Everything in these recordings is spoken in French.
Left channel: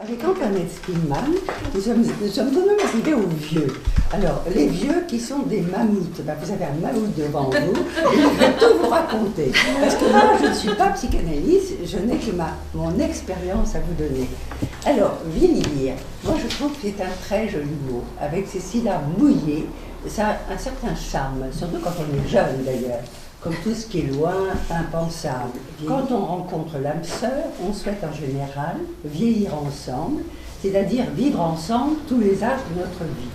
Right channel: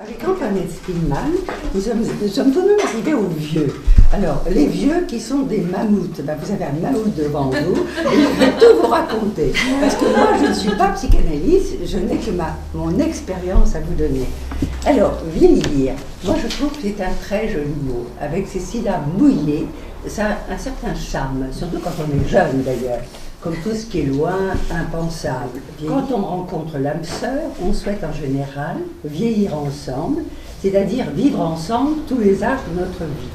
Avec Antoinette Spillmann, nous sommes tout de même arrivés aux vieux. Alors, les vieux qui sont des mammouths, vous avez un mammouth devant vous, et je vais tout vous raconter. Parce que moi, je ne suis pas psychanalyste, je n'ai que mon expérience à vous donner. Alors, vieillir, moi je trouve que c'est un très joli mot. Avec ces syllabes mouillées, ça a un certain charme, surtout quand on est jeune d'ailleurs. Comme tout ce qui est loin, impensable. Quand on rencontre l'âme sœur, on souhaite en général vieillir ensemble, c'est-à-dire vivre ensemble tous les âges de notre vie.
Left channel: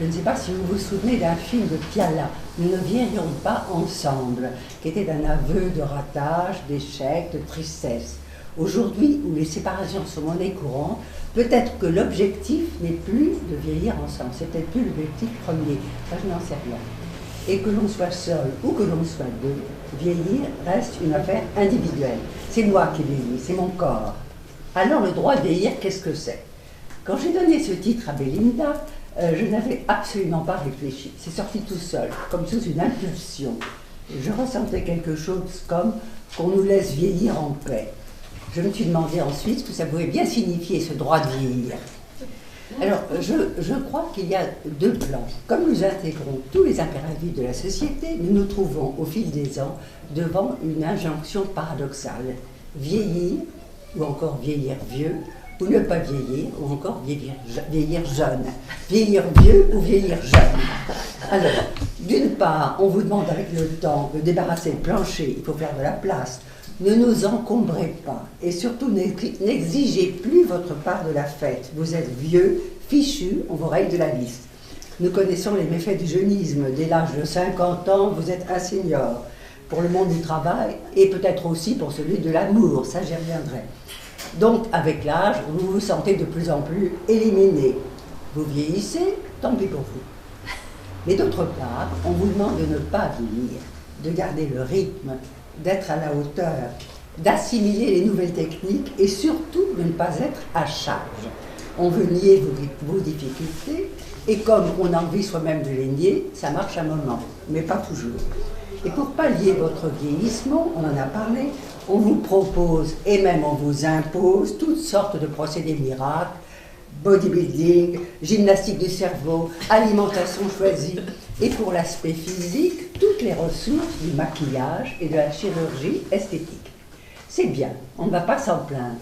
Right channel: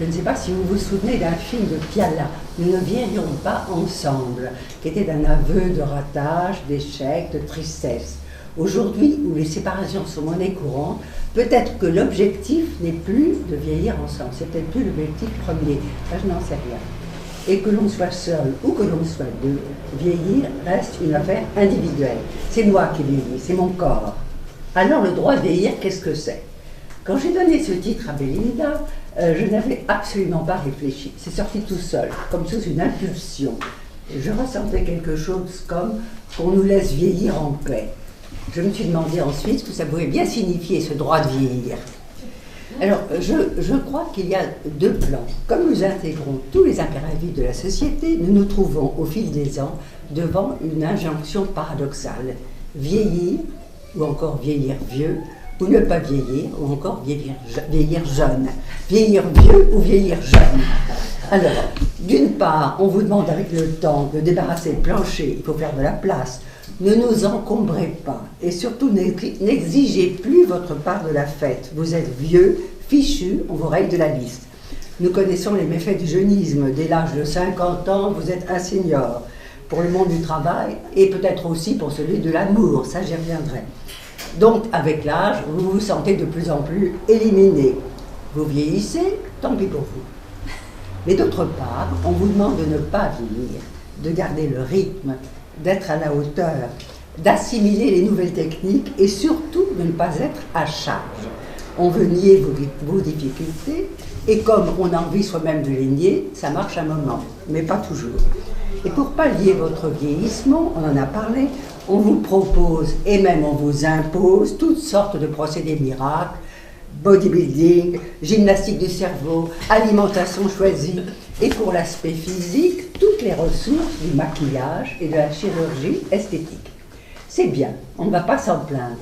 Je ne sais pas si vous vous souvenez d'un film de Piala, Nous ne vieillirons pas ensemble, qui était un aveu de ratage, d'échec, de tristesse. Aujourd'hui, où les séparations sont monnaie courante, peut-être que l'objectif n'est plus de vieillir ensemble, c'est peut-être plus l'objectif premier, ça je n'en sais rien. Et que l'on soit seul ou que l'on soit deux, vieillir reste une affaire individuelle. C'est moi qui vieillis, c'est mon corps. Alors le droit de vieillir, qu'est-ce que c'est? Quand j'ai donné ce titre à Belinda, je n'avais absolument pas réfléchi. C'est sorti tout seul, comme sous une impulsion. Je ressentais quelque chose comme qu'on nous laisse vieillir en paix. Je me suis demandé ensuite ce que ça pouvait bien signifier, ce droit de vieillir. Alors, je crois qu'il y a deux plans. Comme nous intégrons tous les impératifs de la société, nous nous trouvons au fil des ans devant une injonction paradoxale. Vieillir, ou encore vieillir vieux, ou ne pas vieillir, ou encore vieillir jeune. Vieillir vieux ou vieillir jeune. Alors, d'une part, on vous demande avec le temps de débarrasser le plancher, il faut faire de la place. Ne nous encombrez pas et surtout n'exigez plus votre part de la fête. Vous êtes vieux, fichu, on vous raye de la liste. Nous connaissons les méfaits du jeunisme. Dès l'âge de 50 ans, vous êtes un senior. Pour le monde du travail et peut-être aussi pour celui de l'amour, ça j'y reviendrai. Donc avec l'âge, vous vous sentez de plus en plus éliminé. Vous vieillissez, tant pis pour vous. Mais d'autre part, on vous demande de ne pas vieillir, de garder le rythme, d'être à la hauteur, d'assimiler les nouvelles techniques et surtout de ne pas être à charge. On veut nier vos difficultés et comme on a envie soi-même de les nier, ça marche un moment, mais pas toujours. Et pour pallier votre vieillissement, on en a parlé, on vous propose et même on vous impose toutes sortes de procédés miracles, bodybuilding, gymnastique du cerveau, alimentation choisie, et pour l'aspect physique, toutes les ressources du maquillage et de la chirurgie esthétique. C'est bien, on ne va pas s'en plaindre.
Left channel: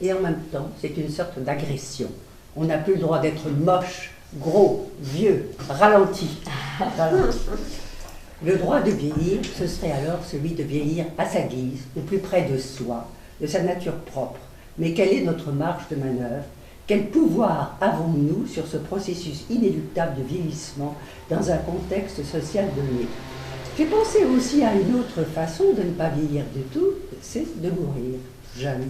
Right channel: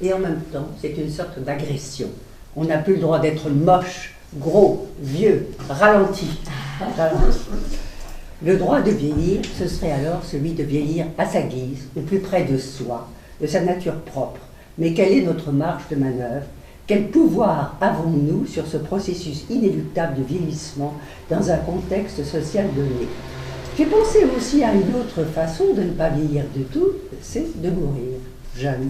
Et en même temps, c'est une sorte d'agression. On n'a plus le droit d'être moche, gros, vieux, ralenti. Le droit de vieillir, ce serait alors celui de vieillir à sa guise, au plus près de soi, de sa nature propre. Mais quelle est notre marge de manœuvre? Quel pouvoir avons-nous sur ce processus inéluctable de vieillissement dans un contexte social donné? J'ai pensé aussi à une autre façon de ne pas vieillir du tout, c'est de mourir jeune,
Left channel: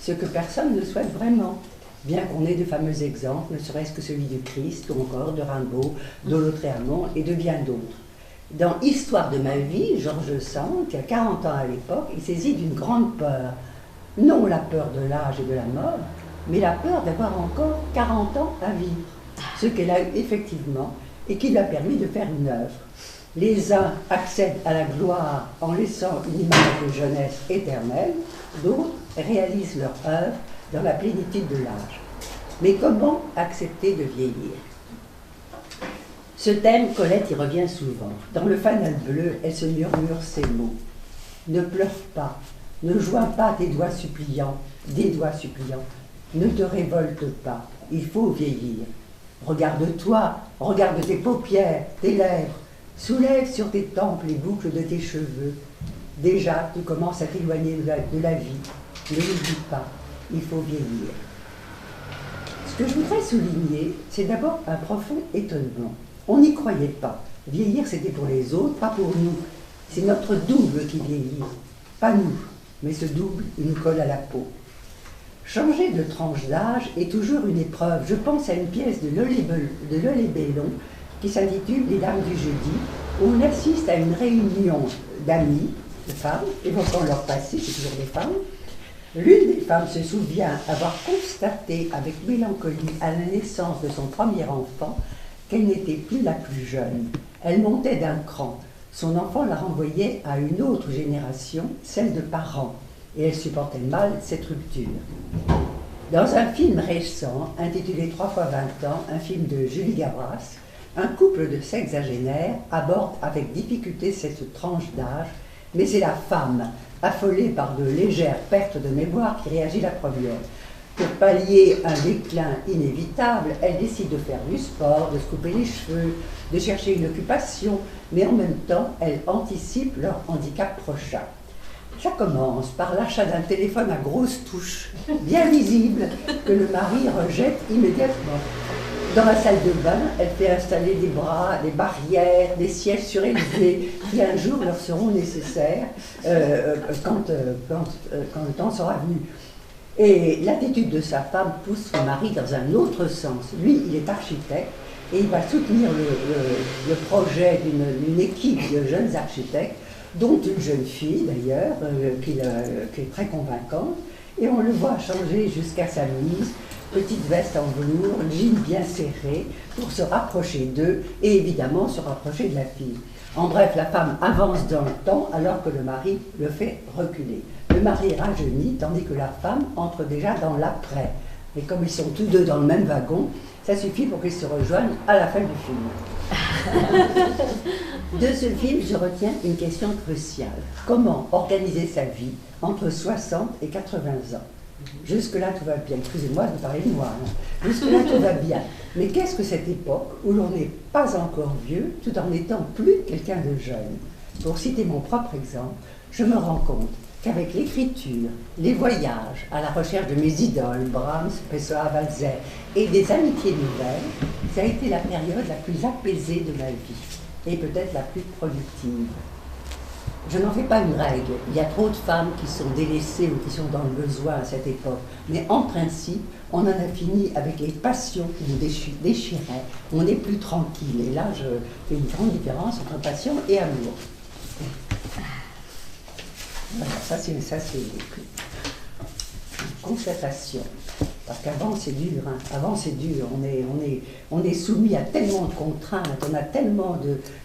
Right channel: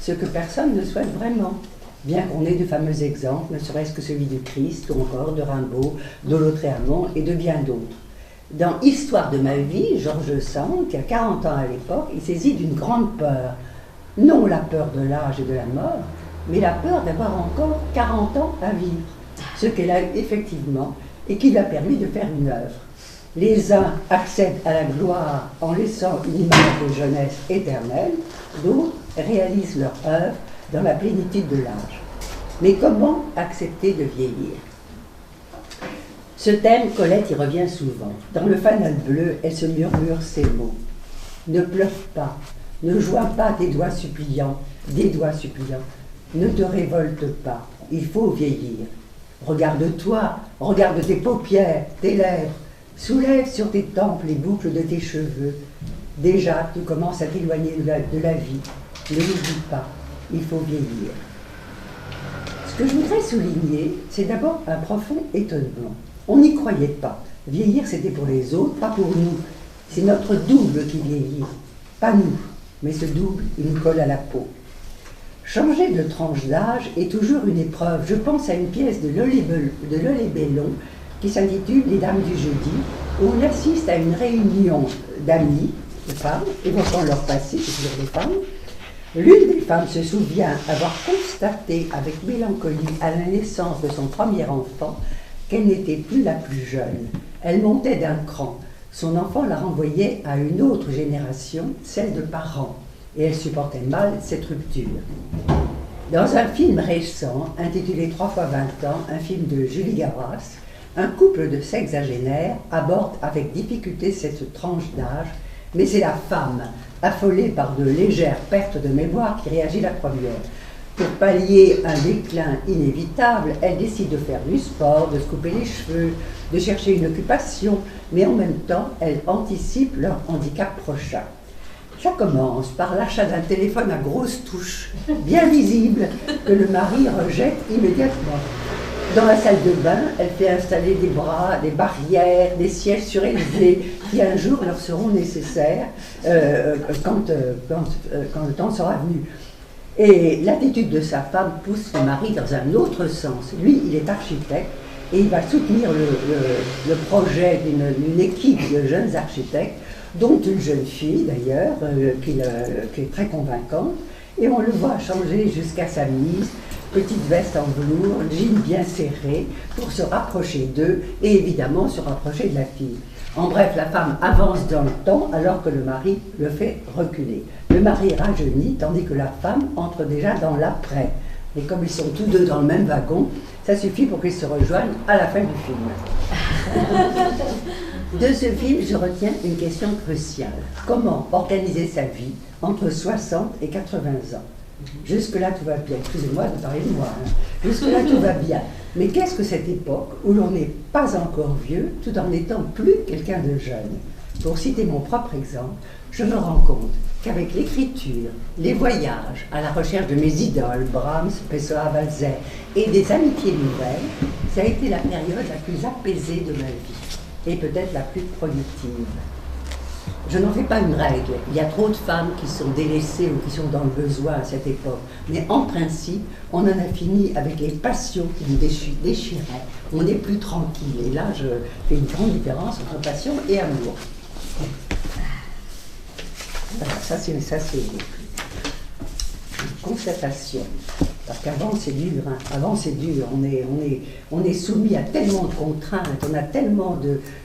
ce que personne ne souhaite vraiment, bien qu'on ait de fameux exemples, ne serait-ce que celui du Christ ou encore de Rimbaud, d'Olotréamont et de bien d'autres. Dans Histoire de ma vie, Georges Sand, qui a 40 ans à l'époque, il saisit d'une grande peur, non la peur de l'âge et de la mort, mais la peur d'avoir encore 40 ans à vivre, ce qu'elle a eu effectivement et qui lui a permis de faire une œuvre. Les uns accèdent à la gloire en laissant une image de jeunesse éternelle, d'autres réalisent leur œuvre dans la plénitude de l'âge. Mais comment accepter de vieillir? Ce thème, Colette y revient souvent. Dans le fanal bleu, elle se murmure ces mots. Ne pleure pas, ne joins pas des doigts suppliants, ne te révolte pas, il faut vieillir. Regarde-toi, regarde tes paupières, tes lèvres, soulève sur tes tempes les boucles de tes cheveux. Déjà, tu commences à t'éloigner de la vie. Ne l'oublie pas, il faut vieillir. Ce que je voudrais souligner, c'est d'abord un profond étonnement. On n'y croyait pas. Vieillir, c'était pour les autres, pas pour nous. C'est notre double qui vieillit. Pas nous, mais ce double, il nous colle à la peau. Changer de tranche d'âge est toujours une épreuve. Je pense à une pièce de Lolé Bellon qui s'intitule Les Dames du Jeudi, où on assiste à une réunion d'amis, de femmes, évoquant leur passé, c'est toujours des femmes. L'une des femmes se souvient avoir constaté avec mélancolie à la naissance de son premier enfant qu'elle n'était plus la plus jeune. Elle montait d'un cran. Son enfant la renvoyait à une autre génération, celle de parents, et elle supportait mal cette rupture. Dans un film récent, intitulé 3 fois 20 ans, un film de Julie Gavras, un couple de sexagénaires aborde avec difficulté cette tranche d'âge, mais c'est la femme, affolée par de légères pertes de mémoire, qui réagit la première. Pour pallier un déclin inévitable, elle décide de faire du sport, de se couper les cheveux, de chercher une occupation, mais en même temps, elle anticipe leur handicap prochain. Ça commence par l'achat d'un téléphone à grosses touches, bien visible, que le mari rejette immédiatement. Dans la salle de bain, elle fait installer des bras, des barrières, des sièges surélevés qui un jour leur seront nécessaires quand le temps sera venu. Et l'attitude de sa femme pousse le mari dans un autre sens. Lui, il est architecte et il va soutenir le projet d'une équipe de jeunes architectes, dont une jeune fille d'ailleurs, qui est très convaincante. Et on le voit changer jusqu'à sa mise, petite veste en velours, jean bien serré, pour se rapprocher d'eux et évidemment se rapprocher de la fille. En bref, la femme avance dans le temps alors que le mari le fait reculer. Le mari rajeunit tandis que la femme entre déjà dans l'après. Et comme ils sont tous deux dans le même wagon, ça suffit pour qu'ils se rejoignent à la fin du film. De ce film, je retiens une question cruciale. Comment organiser sa vie entre 60 et 80 ans? Jusque-là, tout va bien. Excusez-moi de parler de moi. Jusque-là, tout va bien. Mais qu'est-ce que cette époque où l'on n'est pas encore vieux tout en n'étant plus quelqu'un de jeune? Pour citer mon propre exemple, je me rends compte qu'avec l'écriture, les voyages à la recherche de mes idoles, Brahms, Pessoa, Walzer, et des amitiés nouvelles, ça a été la période la plus apaisée de ma vie et peut-être la plus productive. Je n'en fais pas une règle. Il y a trop de femmes qui sont délaissées ou qui sont dans le besoin à cette époque. Mais en principe, on en a fini avec les passions qui nous déchiraient. On n'est plus tranquille. Et là, je fais une grande différence entre passion et amour. Voilà, ça c'est une constatation. Parce qu'avant c'est dur, hein. Avant c'est dur, on est soumis à tellement de contraintes, on a tellement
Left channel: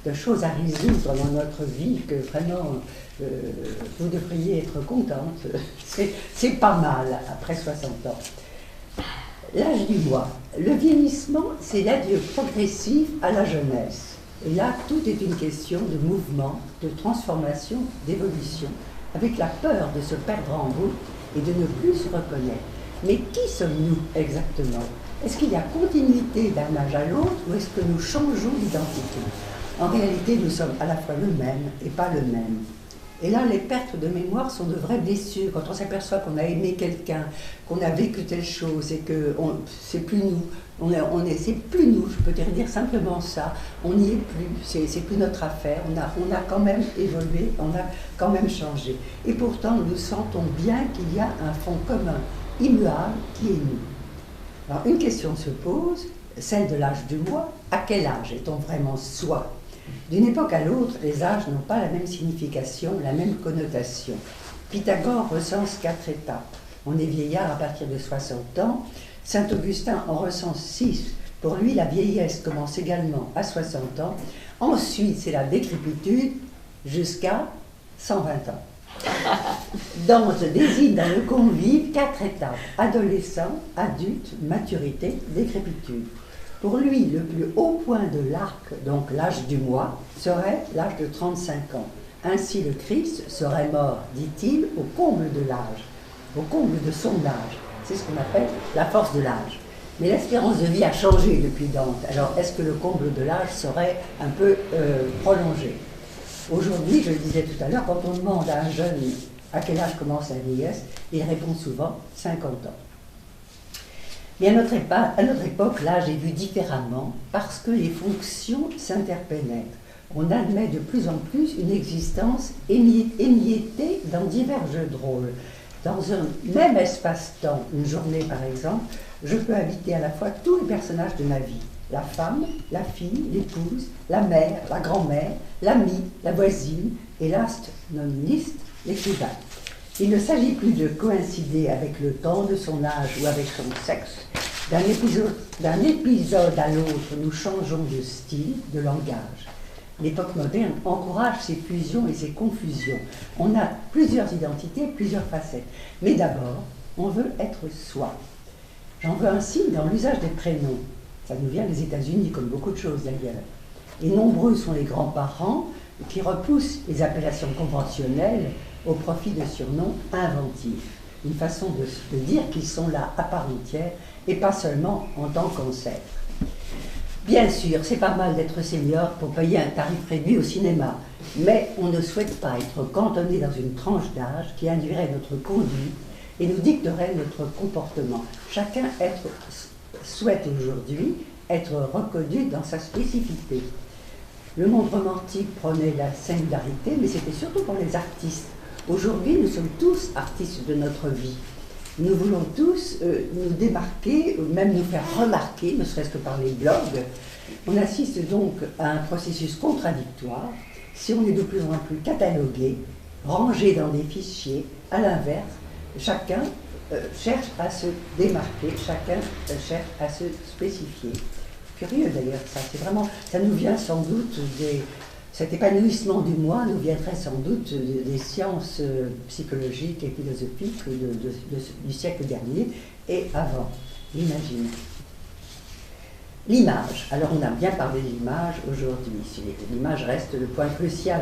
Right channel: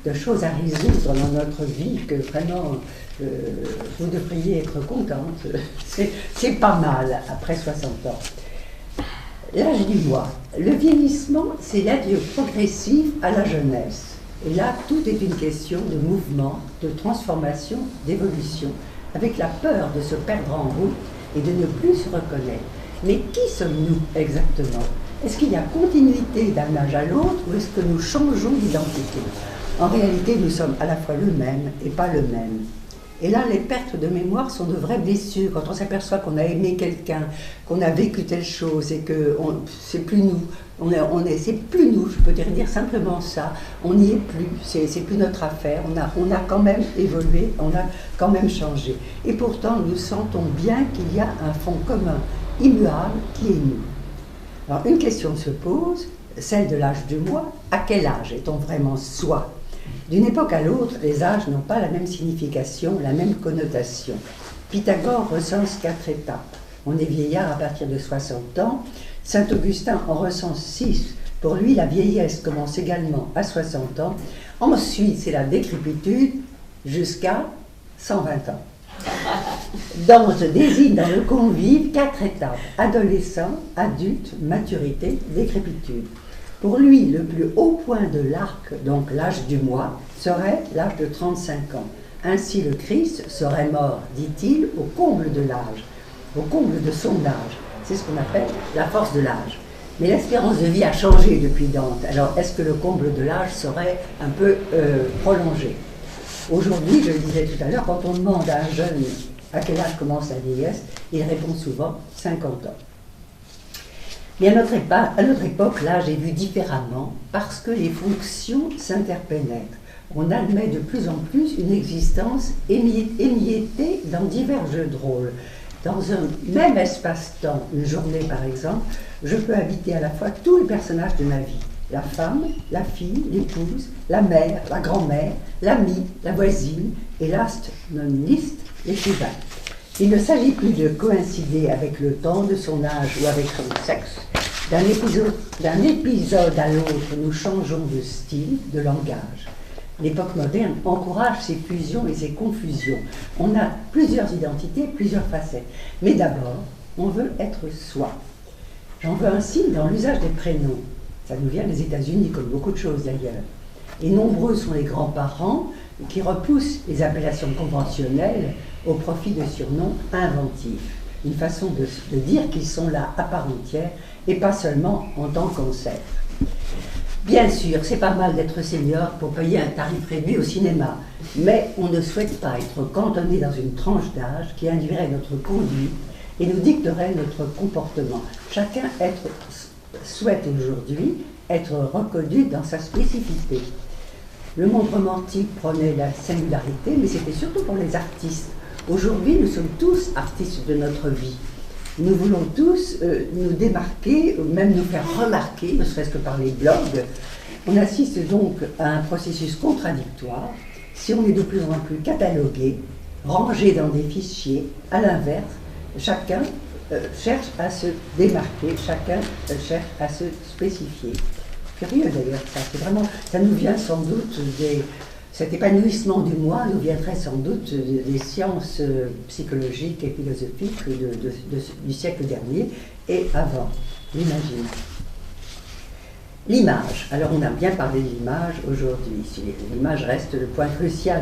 de choses à résoudre dans notre vie que vraiment vous devriez être contente. C'est pas mal après 60 ans. L'âge du moi. Le vieillissement, c'est l'adieu progressif à la jeunesse. Et là, tout est une question de mouvement, de transformation, d'évolution, avec la peur de se perdre en route et de ne plus se reconnaître. Mais qui sommes-nous exactement? Est-ce qu'il y a continuité d'un âge à l'autre ou est-ce que nous changeons d'identité? En réalité, nous sommes à la fois le même et pas le même. Et là, les pertes de mémoire sont de vraies blessures. Quand on s'aperçoit qu'on a aimé quelqu'un, qu'on a vécu telle chose et que c'est plus nous, c'est plus nous, je peux dire simplement ça, on n'y est plus, c'est plus notre affaire, on a quand même évolué, on a quand même changé. Et pourtant, nous sentons bien qu'il y a un fond commun, immuable, qui est nous. Alors, une question se pose, celle de l'âge du moi. À quel âge est-on vraiment soi? D'une époque à l'autre, les âges n'ont pas la même signification, la même connotation. Pythagore recense 4 étapes. On est vieillard à partir de 60 ans. Saint Augustin en recense 6. Pour lui, la vieillesse commence également à 60 ans. Ensuite, c'est la décrépitude jusqu'à 120 ans. Dante désigne dans le convive 4 étapes: adolescent, adulte, maturité, décrépitude. Pour lui, le plus haut point de l'arc, donc l'âge du moi, serait l'âge de 35 ans. Ainsi, le Christ serait mort, dit-il, au comble de l'âge, au comble de son âge. C'est ce qu'on appelle la force de l'âge. Mais l'espérance de vie a changé depuis Dante. Alors, est-ce que le comble de l'âge serait un peu prolongé? Aujourd'hui, je le disais tout à l'heure, quand on demande à un jeune à quel âge commence la vieillesse, il répond souvent 50 ans. Mais à notre époque, l'âge est vu différemment parce que les fonctions s'interpénètrent. On admet de plus en plus une existence émiettée dans divers jeux de rôle. Dans un même espace-temps, une journée par exemple, je peux habiter à la fois tous les personnages de ma vie. La femme, la fille, l'épouse, la mère, la grand-mère, l'amie, la voisine, et last non least, l'écrivain. Il ne s'agit plus de coïncider avec le temps de son âge ou avec son sexe. D'un épisode à l'autre, nous changeons de style, de langage. L'époque moderne encourage ces fusions et ces confusions. On a plusieurs identités, plusieurs facettes. Mais d'abord, on veut être soi. J'en veux un signe dans l'usage des prénoms. Ça nous vient des États-Unis, comme beaucoup de choses d'ailleurs. Et nombreux sont les grands-parents qui repoussent les appellations conventionnelles au profit de surnoms inventifs. Une façon de dire qu'ils sont là à part entière et pas seulement en tant qu'ancêtres. Bien sûr, c'est pas mal d'être senior pour payer un tarif réduit au cinéma, mais on ne souhaite pas être cantonné dans une tranche d'âge qui induirait notre conduite et nous dicterait notre comportement. Chacun souhaite aujourd'hui être reconnu dans sa spécificité. Le monde romantique prenait la singularité, mais c'était surtout pour les artistes. Aujourd'hui, nous sommes tous artistes de notre vie. Nous voulons tous nous démarquer, même nous faire remarquer, ne serait-ce que par les blogs. On assiste donc à un processus contradictoire. Si on est de plus en plus catalogué, rangé dans des fichiers, à l'inverse, chacun cherche à se démarquer, chacun cherche à se spécifier. Curieux d'ailleurs, ça, c'est vraiment, ça nous vient sans doute cet épanouissement du moi nous viendrait sans doute des sciences psychologiques et philosophiques du siècle dernier et avant, j'imagine. L'image. Alors on a bien parlé de l'image aujourd'hui. L'image reste le point crucial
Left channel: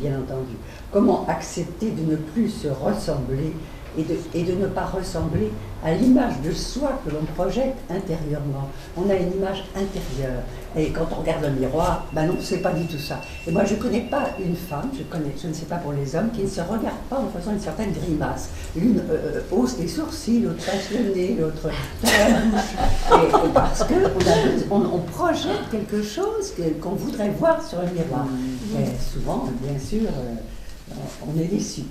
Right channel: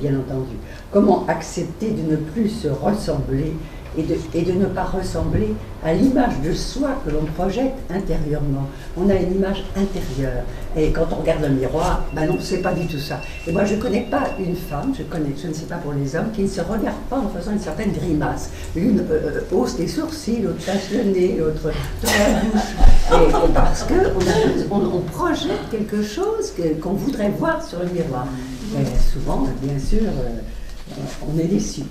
bien entendu. Comment accepter de ne plus se ressembler et de ne pas ressembler à l'image de soi que l'on projette intérieurement. On a une image intérieure. Et quand on regarde le miroir, ben non, c'est pas du tout ça. Et moi, je ne connais pas une femme, je ne sais pas pour les hommes, qui ne se regarde pas en faisant une certaine grimace. L'une hausse les sourcils, l'autre pince le nez, l'autre tord la bouche. Et parce qu'on projette quelque chose qu'on voudrait voir sur le miroir. Et souvent, bien sûr, on est déçu.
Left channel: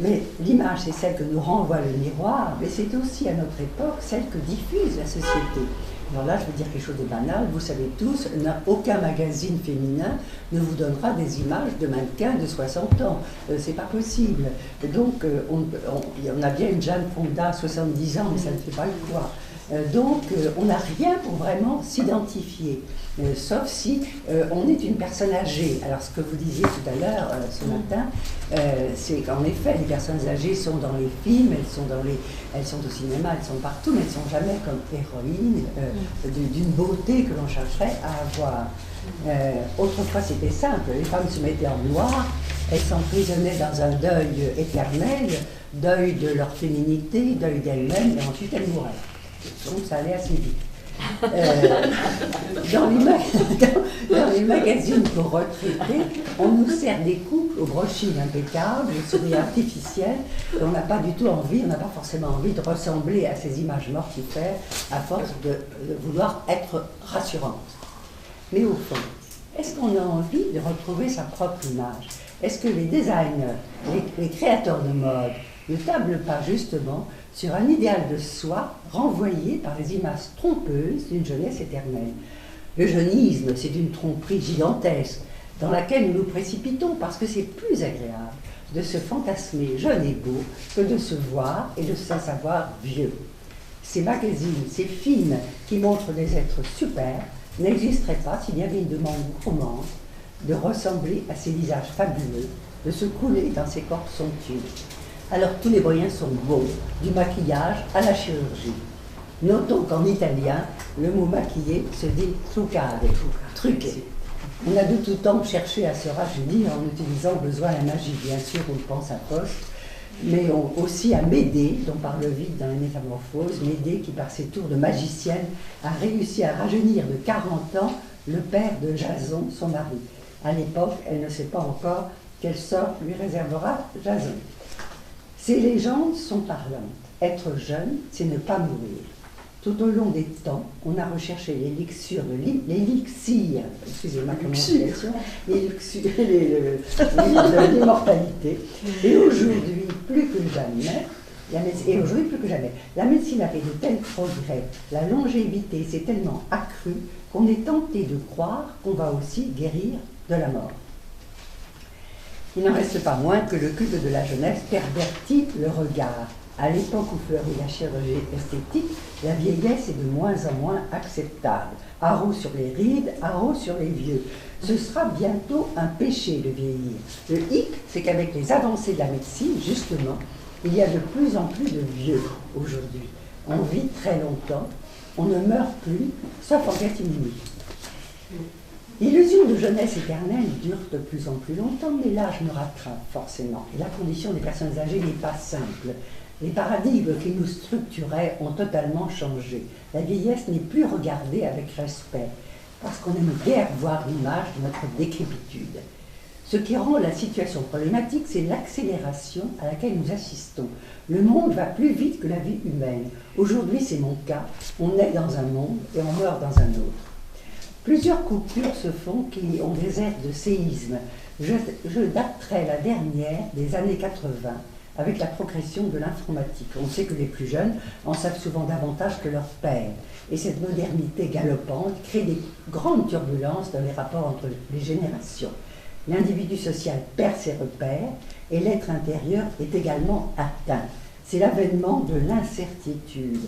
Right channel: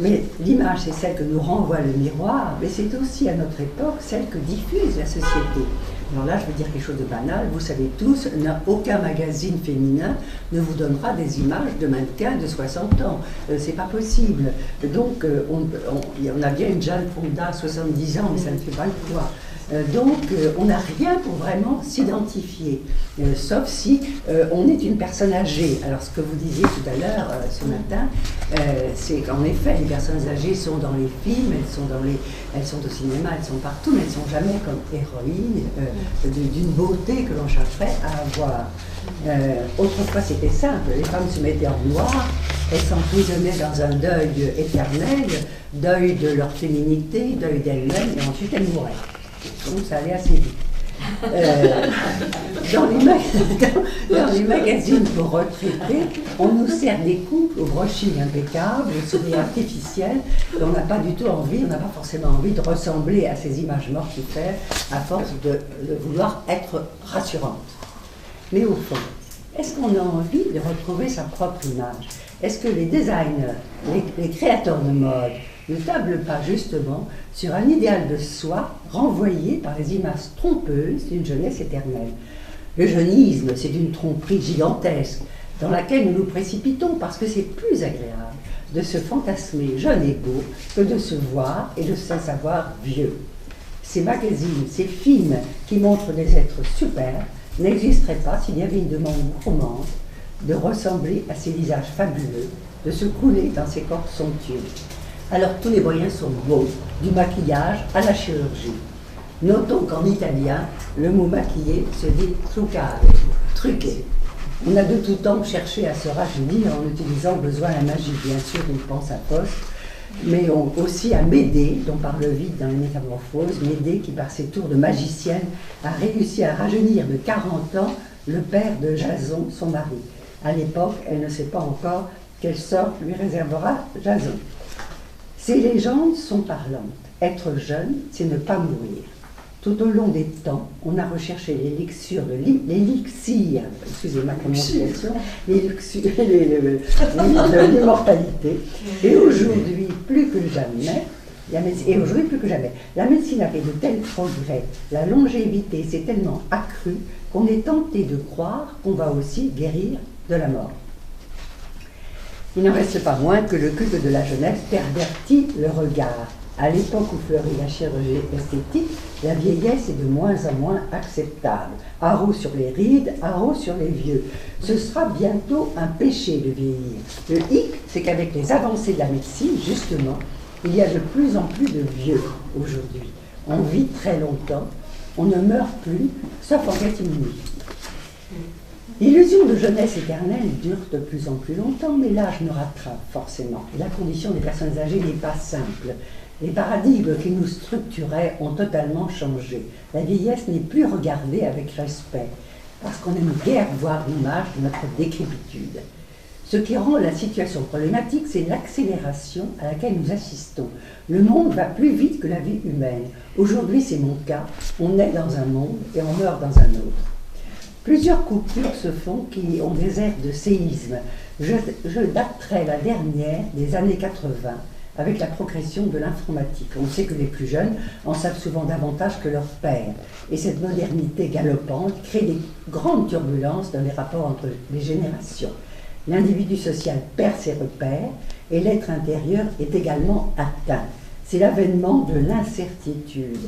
Mais l'image, c'est celle que nous renvoie le miroir, mais c'est aussi à notre époque celle que diffuse la société. Alors là, je vais dire quelque chose de banal, vous savez tous, aucun magazine féminin ne vous donnera des images de mannequins de 60 ans. C'est pas possible. Donc, on a bien une Jane Fonda, 70 ans, mais ça ne fait pas le poids. Donc, on n'a rien pour vraiment s'identifier, sauf si on est une personne âgée. Alors, ce que vous disiez tout à l'heure, ce matin, c'est qu'en effet, les personnes âgées sont dans les films, elles sont au cinéma, elles sont partout, mais elles ne sont jamais comme héroïnes d'une beauté que l'on chercherait à avoir. Autrefois, c'était simple, les femmes se mettaient en noir, elles s'emprisonnaient dans un deuil éternel, deuil de leur féminité, deuil d'elles-mêmes, et ensuite elles mouraient. Donc ça allait assez vite. Dans les magazines pour retraités, on nous sert des couples au brushing impeccable, au sourire artificiel, et on n'a pas du tout envie, on n'a pas forcément envie de ressembler à ces images mortifères à force de vouloir être rassurante. Mais au fond, est-ce qu'on a envie de retrouver sa propre image? Est-ce que les designers, les créateurs de mode, ne tablent pas justement sur un idéal de soi renvoyé par les images trompeuses d'une jeunesse éternelle? Le jeunisme, c'est une tromperie gigantesque dans laquelle nous nous précipitons parce que c'est plus agréable de se fantasmer jeune et beau que de se voir et de se savoir vieux. Ces magazines, ces films qui montrent des êtres super n'existeraient pas s'il y avait une demande gourmande de ressembler à ces visages fabuleux, de se couler dans ces corps somptueux. Alors tous les moyens sont bons, du maquillage à la chirurgie. Notons qu'en italien, le mot maquiller se dit truccare, truquer. On a de tout temps cherché à se rajeunir en utilisant au besoin la magie. Bien sûr, on pense à Faust, mais aussi à Médée, dont parle Ovide dans les Métamorphoses. Médée qui, par ses tours de magicienne, a réussi à rajeunir de 40 ans le père de Jason, son mari. À l'époque, elle ne sait pas encore quel sort lui réservera Jason. Ces légendes sont parlantes. Être jeune, c'est ne pas mourir. Tout au long des temps, on a recherché l'élixir de l'immortalité. Et aujourd'hui, plus que jamais, la médecine a fait de tels progrès, la longévité s'est tellement accrue qu'on est tenté de croire qu'on va aussi guérir de la mort. Il n'en reste pas moins que le culte de la jeunesse pervertit le regard. À l'époque où fleurit la chirurgie esthétique, la vieillesse est de moins en moins acceptable. Haro sur les rides, haro sur les vieux. Ce sera bientôt un péché de vieillir. Le hic, c'est qu'avec les avancées de la médecine, justement, Il y a de plus en plus de vieux aujourd'hui. On vit très longtemps, on ne meurt plus, sauf en catimini. L'illusion de jeunesse éternelle dure de plus en plus longtemps, mais l'âge nous rattrape forcément. La condition des personnes âgées n'est pas simple. Les paradigmes qui nous structuraient ont totalement changé. La vieillesse n'est plus regardée avec respect, parce qu'on n'aime guère voir l'image de notre décrépitude. Ce qui rend la situation problématique, c'est l'accélération à laquelle nous assistons. Le monde va plus vite que la vie humaine. Aujourd'hui, c'est mon cas. On est dans un monde et on meurt dans un autre. Plusieurs coupures se font qui ont des airs de séisme. Je daterai la dernière des années 80 avec la progression de l'informatique. On sait que les plus jeunes en savent souvent davantage que leurs pères. Et cette modernité galopante crée des grandes turbulences dans les rapports entre les générations. L'individu social perd ses repères et l'être intérieur est également atteint. C'est l'avènement de l'incertitude.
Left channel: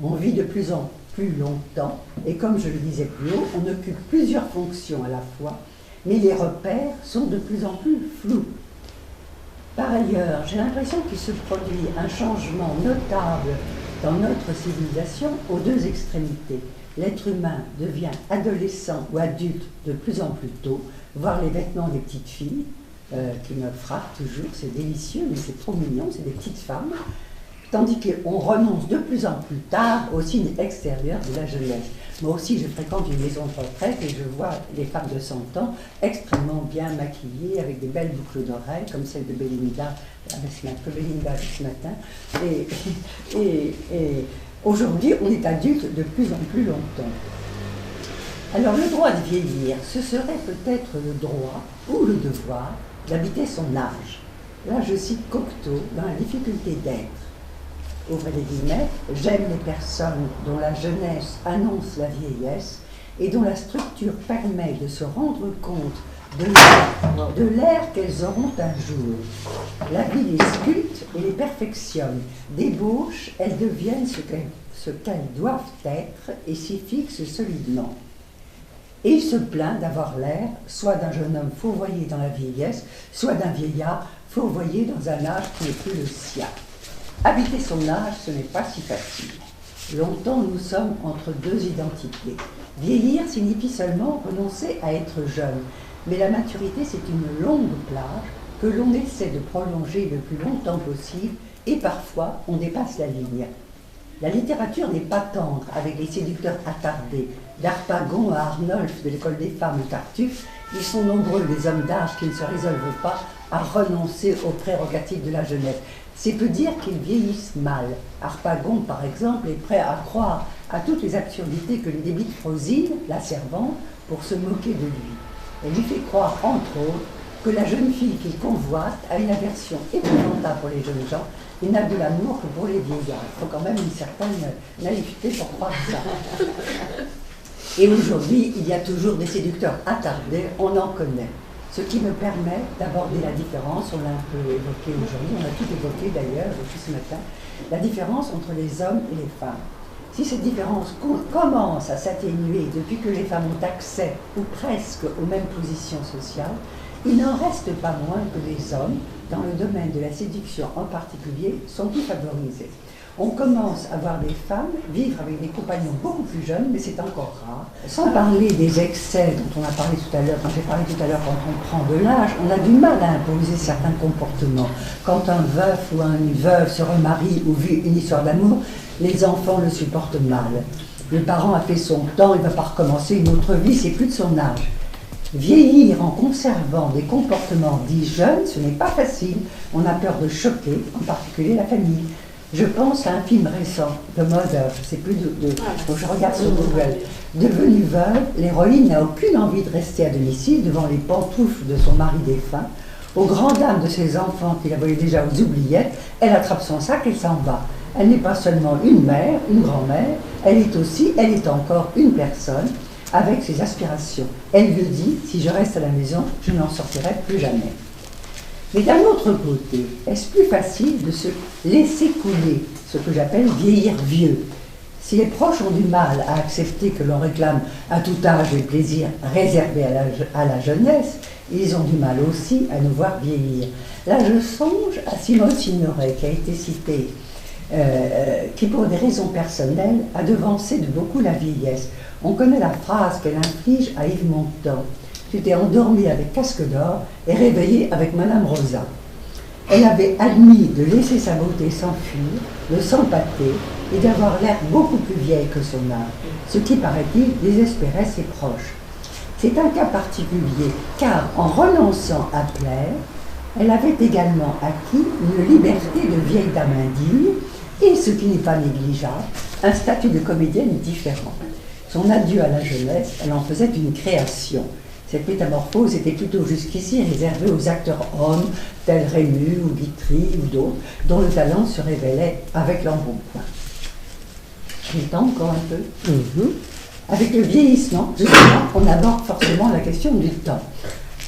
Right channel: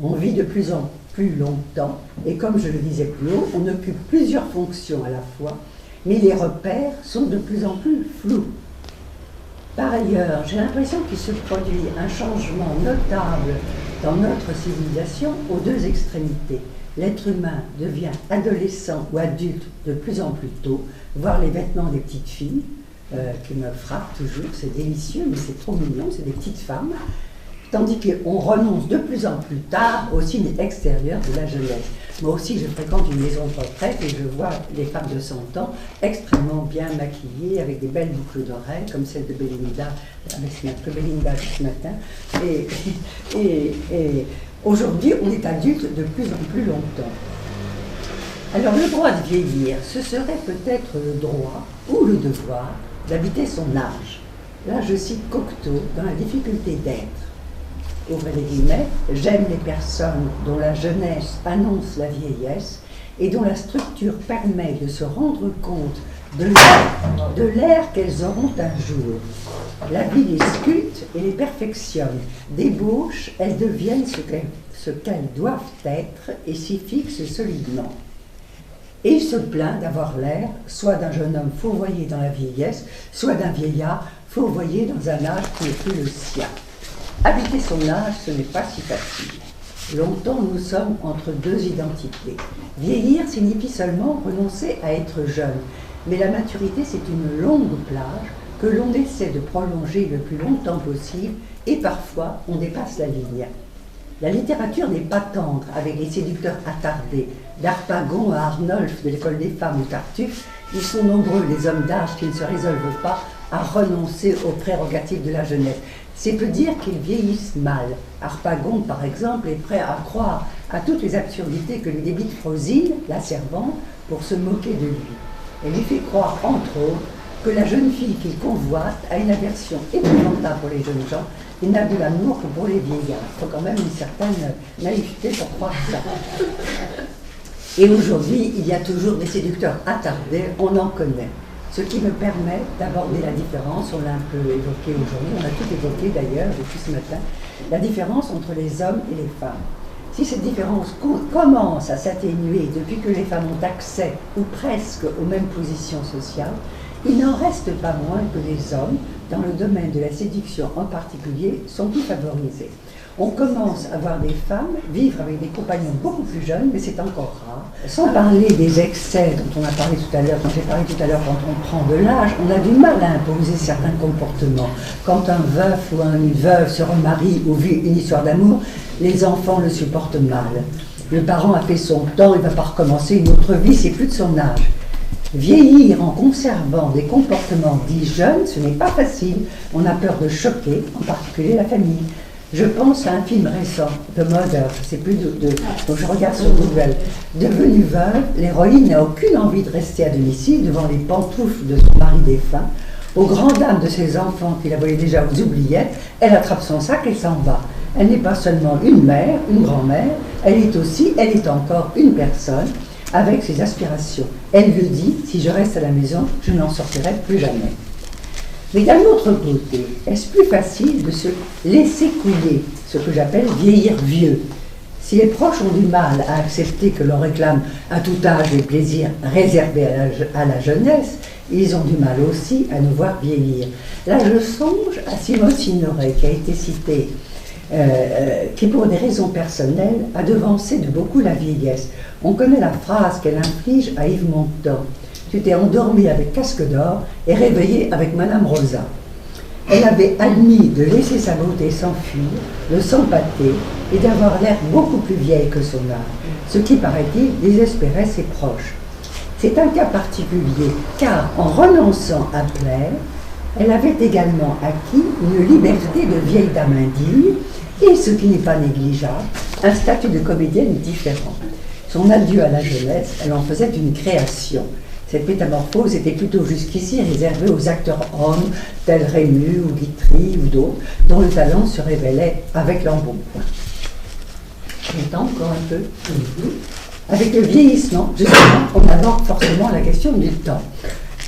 On vit de plus en plus longtemps et comme je le disais plus haut, on occupe plusieurs fonctions à la fois, mais les repères sont de plus en plus flous. Par ailleurs, j'ai l'impression qu'il se produit un changement notable dans notre civilisation aux deux extrémités. L'être humain devient adolescent ou adulte de plus en plus tôt, voir les vêtements des petites filles, qui me frappent toujours, c'est délicieux, mais c'est trop mignon, c'est des petites femmes, tandis qu'on renonce de plus en plus tard au signe extérieur de la jeunesse. Moi aussi, je fréquente une maison de retraite et je vois les femmes de 100 ans extrêmement bien maquillées, avec des belles boucles d'oreilles, comme celle de Belinda, ce matin. Et aujourd'hui, on est adulte de plus en plus longtemps. Alors, le droit de vieillir, ce serait peut-être le droit ou le devoir d'habiter son âge. Là, je cite Cocteau dans La difficulté d'être. Ouvrez les guillemets, j'aime les personnes dont la jeunesse annonce la vieillesse et dont la structure permet de se rendre compte de l'ère qu'elles auront un jour. La vie les sculpte et les perfectionne. Débauche, elles deviennent ce qu'elles doivent être et s'y fixent solidement. Et il se plaint d'avoir l'air soit d'un jeune homme fourvoyé dans la vieillesse, soit d'un vieillard fourvoyé dans un âge qui n'est plus le sien. Habiter son âge, ce n'est pas si facile. Longtemps, nous sommes entre deux identités. Vieillir signifie seulement renoncer à être jeune, mais la maturité, c'est une longue plage que l'on essaie de prolonger le plus longtemps possible et parfois on dépasse la ligne. La littérature n'est pas tendre avec les séducteurs attardés. D'Harpagon à Arnolphe de l'école des femmes ou Tartuffe, ils sont nombreux les hommes d'âge qui ne se résolvent pas à renoncer aux prérogatives de la jeunesse. C'est peu dire qu'ils vieillissent mal. Harpagon, par exemple, est prêt à croire à toutes les absurdités que lui débite Frosine, la servante, pour se moquer de lui. Elle lui fait croire, entre autres, que la jeune fille qu'il convoite a une aversion épouvantable pour les jeunes gens et n'a de l'amour que pour les vieillards. Il faut quand même une certaine naïveté pour croire ça. Et aujourd'hui, il y a toujours des séducteurs attardés, on en connaît. Ce qui me permet d'aborder la différence, on l'a un peu évoqué aujourd'hui, on a tout évoqué d'ailleurs depuis ce matin, la différence entre les hommes et les femmes. Si cette différence commence à s'atténuer depuis que les femmes ont accès, ou presque, aux mêmes positions sociales, il n'en reste pas moins que les hommes, dans le domaine de la séduction en particulier, sont plus favorisés. On commence à voir des femmes vivre avec des compagnons beaucoup plus jeunes, mais c'est encore rare. Sans parler des excès dont on a parlé tout à l'heure, dont j'ai parlé tout à l'heure, quand on prend de l'âge, on a du mal à imposer certains comportements. Quand un veuf ou une veuve se remarie ou vit une histoire d'amour, les enfants le supportent mal. Le parent a fait son temps, il ne va pas recommencer une autre vie, c'est plus de son âge. Vieillir en conservant des comportements dits jeunes, ce n'est pas facile. On a peur de choquer, en particulier la famille. Je pense à un film récent, The Mother, c'est plus dont je regarde sur Google. Devenue veuve, l'héroïne n'a aucune envie de rester à domicile devant les pantoufles de son mari défunt. Aux grandes dames de ses enfants qui la voyaient déjà aux oubliettes, elle attrape son sac et s'en va. Elle n'est pas seulement une mère, une grand-mère, elle est encore une personne avec ses aspirations. Elle le dit, si je reste à la maison, je n'en sortirai plus jamais. Mais d'un autre côté, est-ce plus facile de se laisser couler, ce que j'appelle vieillir vieux? Si les proches ont du mal à accepter que l'on réclame à tout âge des plaisirs réservés à la jeunesse, ils ont du mal aussi à nous voir vieillir. Là, je songe à Simone Signoret, qui a été citée, qui, pour des raisons personnelles, a devancé de beaucoup la vieillesse. On connaît la phrase qu'elle inflige à Yves Montand. « Tu t'es endormi avec Casque d'Or et réveillé avec Madame Rosa. » Elle avait admis de laisser sa beauté s'enfuir, de s'empâter et d'avoir l'air beaucoup plus vieille que son âge, ce qui, paraît-il, désespérait ses proches. C'est un cas particulier, car en renonçant à plaire, elle avait également acquis une liberté de vieille dame indigne et, ce qui n'est pas négligeable, un statut de comédienne différent. Son adieu à la jeunesse, elle en faisait une création. Cette métamorphose était plutôt jusqu'ici réservée aux acteurs hommes, tels Rému ou Guitry ou d'autres, dont le talent se révélait avec l'embonpoint. J'ai le temps encore un peu. Avec le vieillissement, justement, on aborde forcément la question du temps.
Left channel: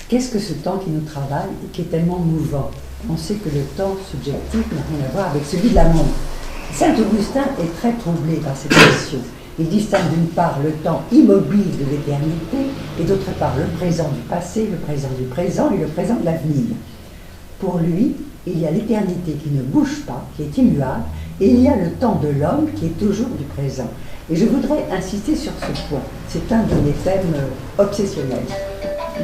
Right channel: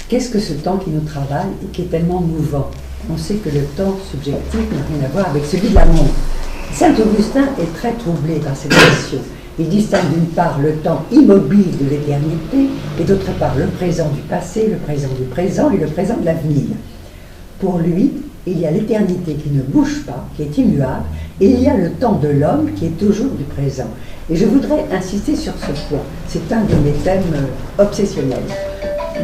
Qu'est-ce que ce temps qui nous travaille et qui est tellement mouvant? On sait que le temps subjectif n'a rien à voir avec celui de la montre. Saint-Augustin est très troublé par cette question. Il distingue d'une part le temps immobile de l'éternité et d'autre part le présent du passé, le présent du présent et le présent de l'avenir. Pour lui, il y a l'éternité qui ne bouge pas, qui est immuable, et il y a le temps de l'homme qui est toujours du présent. Et je voudrais insister sur ce point. C'est un de mes thèmes obsessionnels.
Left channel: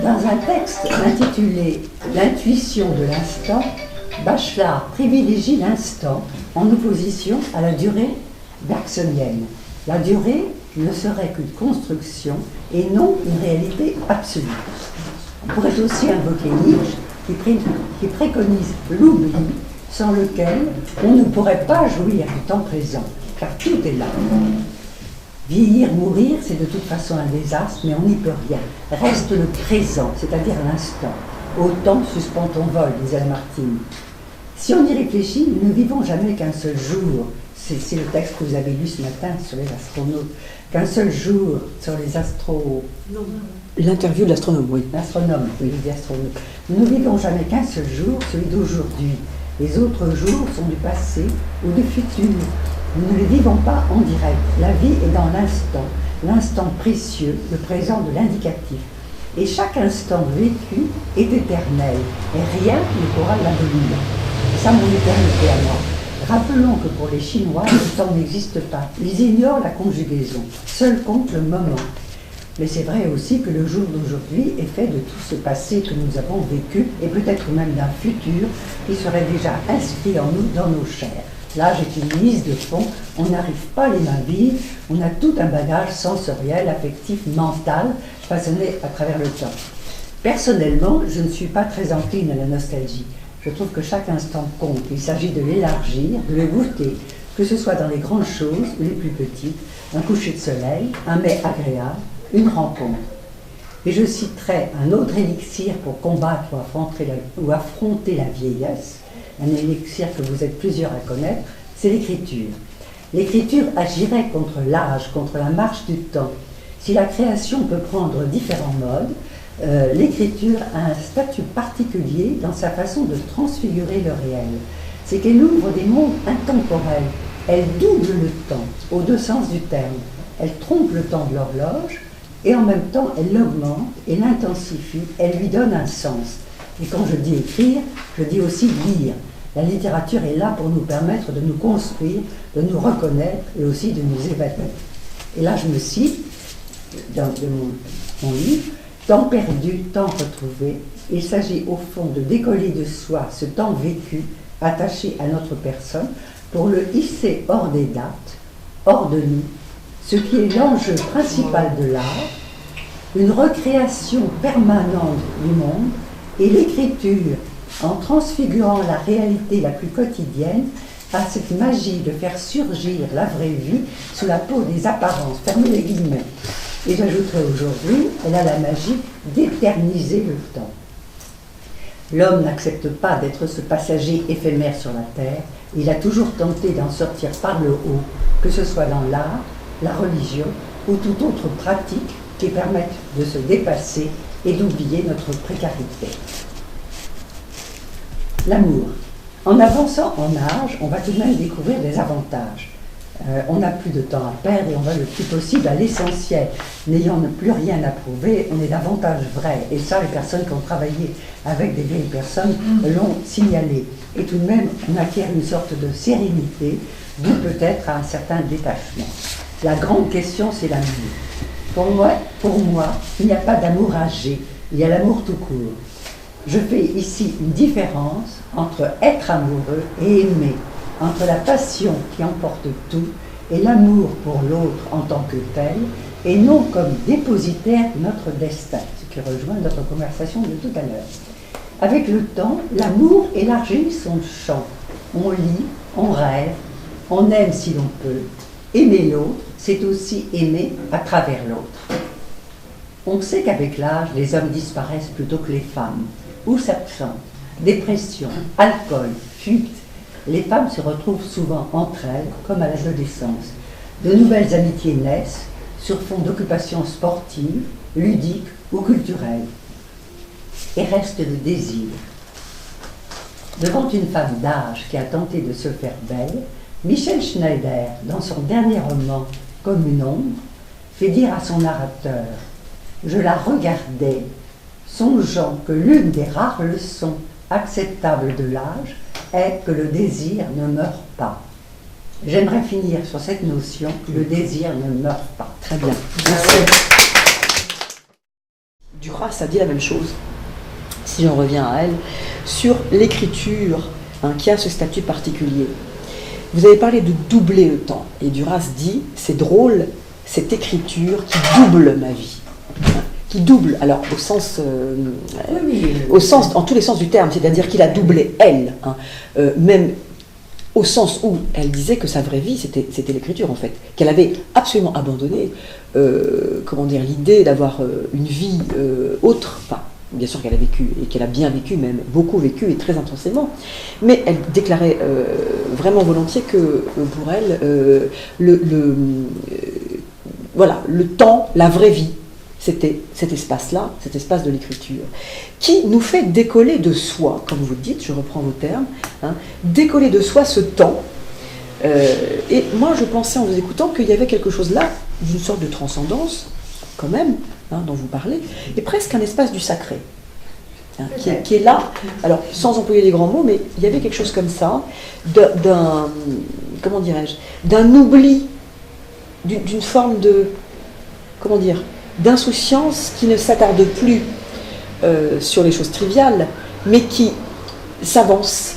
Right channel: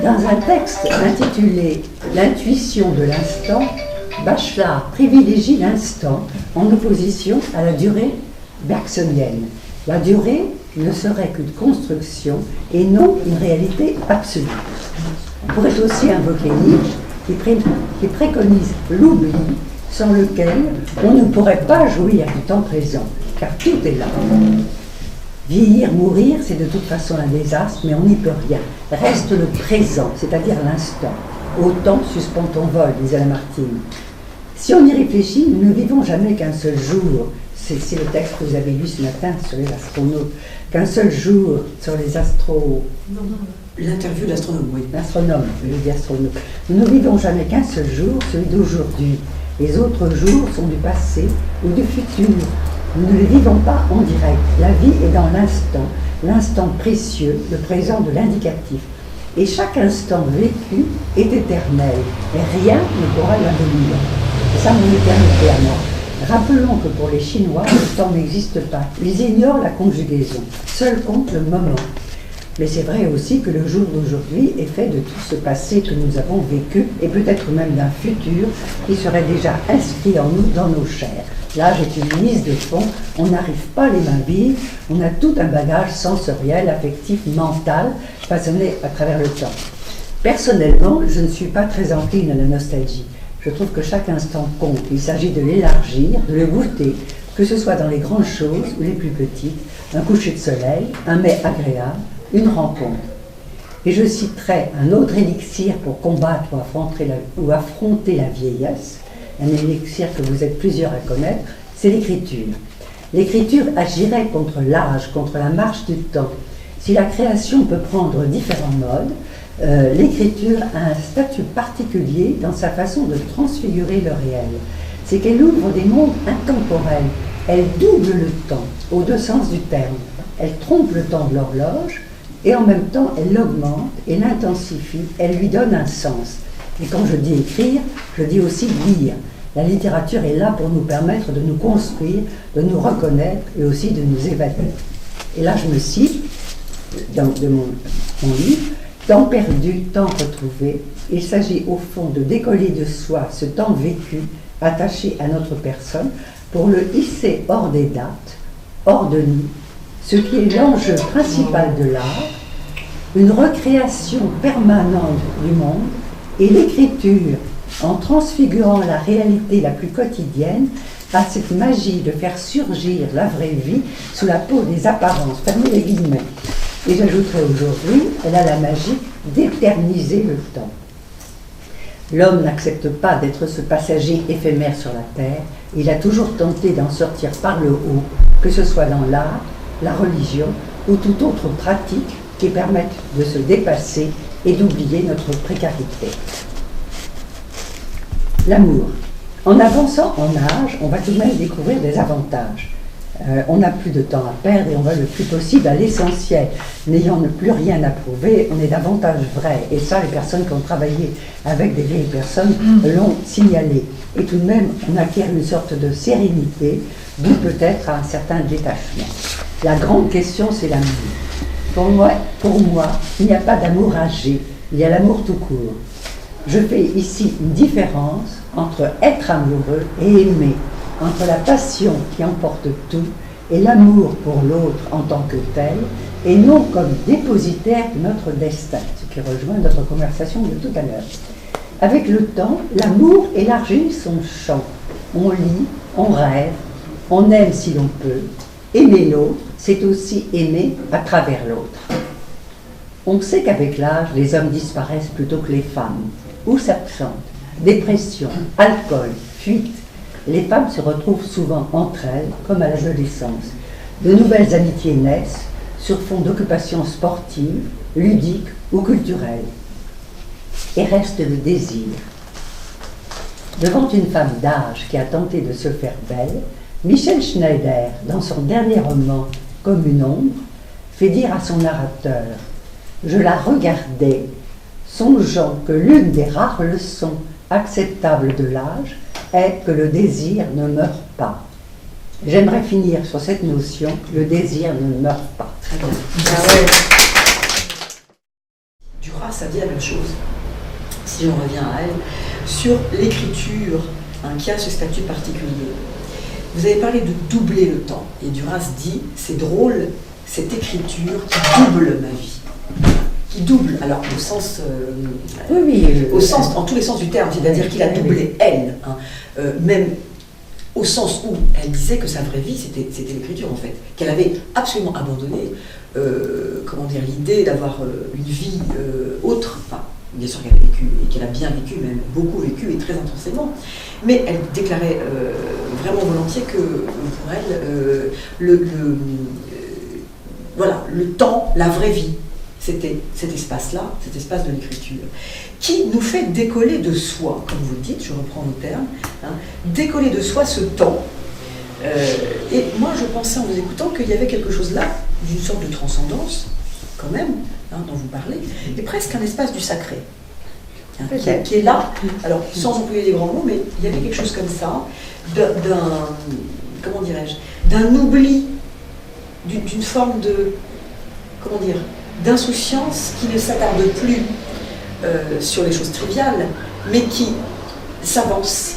Dans un texte intitulé « L'intuition de l'instant », Bachelard privilégie l'instant en opposition à la durée bergsonienne. La durée ne serait qu'une construction et non une réalité absolue. On pourrait aussi invoquer Nietzsche qui préconise l'oubli sans lequel on ne pourrait pas jouir du temps présent, car tout est là. Vieillir, mourir, c'est de toute façon un désastre, mais on n'y peut rien. Reste le présent, c'est-à-dire l'instant. Au temps suspend ton vol, disait Lamartine. Si on y réfléchit, nous ne vivons jamais qu'un seul jour. C'est le texte que vous avez lu ce matin sur les astronautes. Qu'un seul jour sur les L'interview de l'astronome, oui. L'astronome, je dis astronome. Nous ne vivons jamais qu'un seul jour, celui d'aujourd'hui. Les autres jours sont du passé ou du futur. Nous ne les vivons pas en direct. La vie est dans l'instant, l'instant précieux, le présent de l'indicatif. Et chaque instant vécu est éternel, et rien ne pourra l'abolir. C'est ça mon éternité à moi. Rappelons que pour les Chinois, le temps n'existe pas. Ils ignorent la conjugaison. Seul compte le moment. Mais c'est vrai aussi que le jour d'aujourd'hui est fait de tout ce passé que nous avons vécu, et peut-être même d'un futur qui serait déjà inscrit en nous, dans nos chairs. L'âge est une mise de fond, on n'arrive pas les mains vides, on a tout un bagage sensoriel, affectif, mental, façonné à travers le temps. Personnellement, je ne suis pas très encline à la nostalgie. Je trouve que chaque instant compte. Il s'agit de l'élargir, de le goûter, que ce soit dans les grandes choses ou les plus petites, un coucher de soleil, un mets agréable, une rencontre. Et je citerai un autre élixir pour combattre ou affronter la vieillesse, un élixir que vous êtes plusieurs à connaître, c'est l'écriture. L'écriture agirait contre l'âge, contre la marche du temps. Si la création peut prendre différents modes, l'écriture a un statut particulier dans sa façon de transfigurer le réel. C'est qu'elle ouvre des mondes intemporels. Elle double le temps, aux deux sens du terme. Elle trompe le temps de l'horloge et en même temps elle l'augmente et l'intensifie, elle lui donne un sens. Et quand je dis écrire, je dis aussi lire. La littérature est là pour nous permettre de nous construire, de nous reconnaître et aussi de nous évader. Et là je me cite de mon livre, « Temps perdu, temps retrouvé ». Il s'agit au fond de décoller de soi ce temps vécu, attaché à notre personne, pour le hisser hors des dates, hors de nous, ce qui est l'enjeu principal de l'art, une recréation permanente du monde et l'écriture, en transfigurant la réalité la plus quotidienne, a cette magie de faire surgir la vraie vie sous la peau des apparences, fermez les guillemets. Et j'ajouterai aujourd'hui, elle a la magie d'éterniser le temps. L'homme n'accepte pas d'être ce passager éphémère sur la terre, il a toujours tenté d'en sortir par le haut, que ce soit dans l'art, la religion ou toute autre pratique qui permette de se dépasser et d'oublier notre précarité. L'amour. En avançant en âge, on va tout de même découvrir des avantages. On n'a plus de temps à perdre et on va le plus possible à l'essentiel. N'ayant plus rien à prouver, on est davantage vrai. Et ça, les personnes qui ont travaillé avec des vieilles personnes l'ont signalé. Et tout de même, on acquiert une sorte de sérénité, d'où peut-être un certain détachement. La grande question, c'est l'amour. Pour moi, il n'y a pas d'amour âgé, il y a l'amour tout court. Je fais ici une différence entre être amoureux et aimer, entre la passion qui emporte tout et l'amour pour l'autre en tant que tel, et non comme dépositaire de notre destin, ce qui rejoint notre conversation de tout à l'heure. Avec le temps, l'amour élargit son champ. On lit, on rêve, on aime si l'on peut. Aimer l'autre, c'est aussi aimer à travers l'autre. On sait qu'avec l'âge, les hommes disparaissent plutôt que les femmes, ou s'absentent. Dépression, alcool, fuite. Les femmes se retrouvent souvent entre elles, comme à l'adolescence. De nouvelles amitiés naissent sur fond d'occupations sportives, ludiques ou culturelles. Et reste le désir. Devant une femme d'âge qui a tenté de se faire belle, Michel Schneider, dans son dernier roman « Comme une ombre », fait dire à son narrateur « Je la regardais, songeant que l'une des rares leçons acceptables de l'âge est que le désir ne meurt pas. » J'aimerais finir sur cette notion, le désir ne meurt pas. Très bien. Duras, ça dit la même chose, si j'en reviens à elle, sur l'écriture qui a ce statut particulier. Vous avez parlé de doubler le temps, et Duras dit, c'est drôle, cette écriture qui double ma vie. Qui double, alors au sens, en tous les sens du terme, c'est-à-dire qu'il a doublé elle, même au sens où elle disait que sa vraie vie, c'était l'écriture en fait, qu'elle avait absolument abandonné, l'idée d'avoir une vie autre, enfin, bien sûr qu'elle a vécu, et qu'elle a bien vécu, même beaucoup vécu, et très intensément, mais elle déclarait vraiment volontiers que pour elle, le temps, la vraie vie, c'était cet espace-là, cet espace de l'écriture, qui nous fait décoller de soi, comme vous le dites, je reprends vos termes, décoller de soi ce temps. Et moi, je pensais en vous écoutant qu'il y avait quelque chose là, d'une sorte de transcendance, quand même, dont vous parlez, et presque un espace du sacré, qui est là, alors sans employer les grands mots, mais il y avait quelque chose comme ça, d'un oubli, d'une forme de, d'insouciance qui ne s'attarde plus sur les choses triviales, mais qui s'avance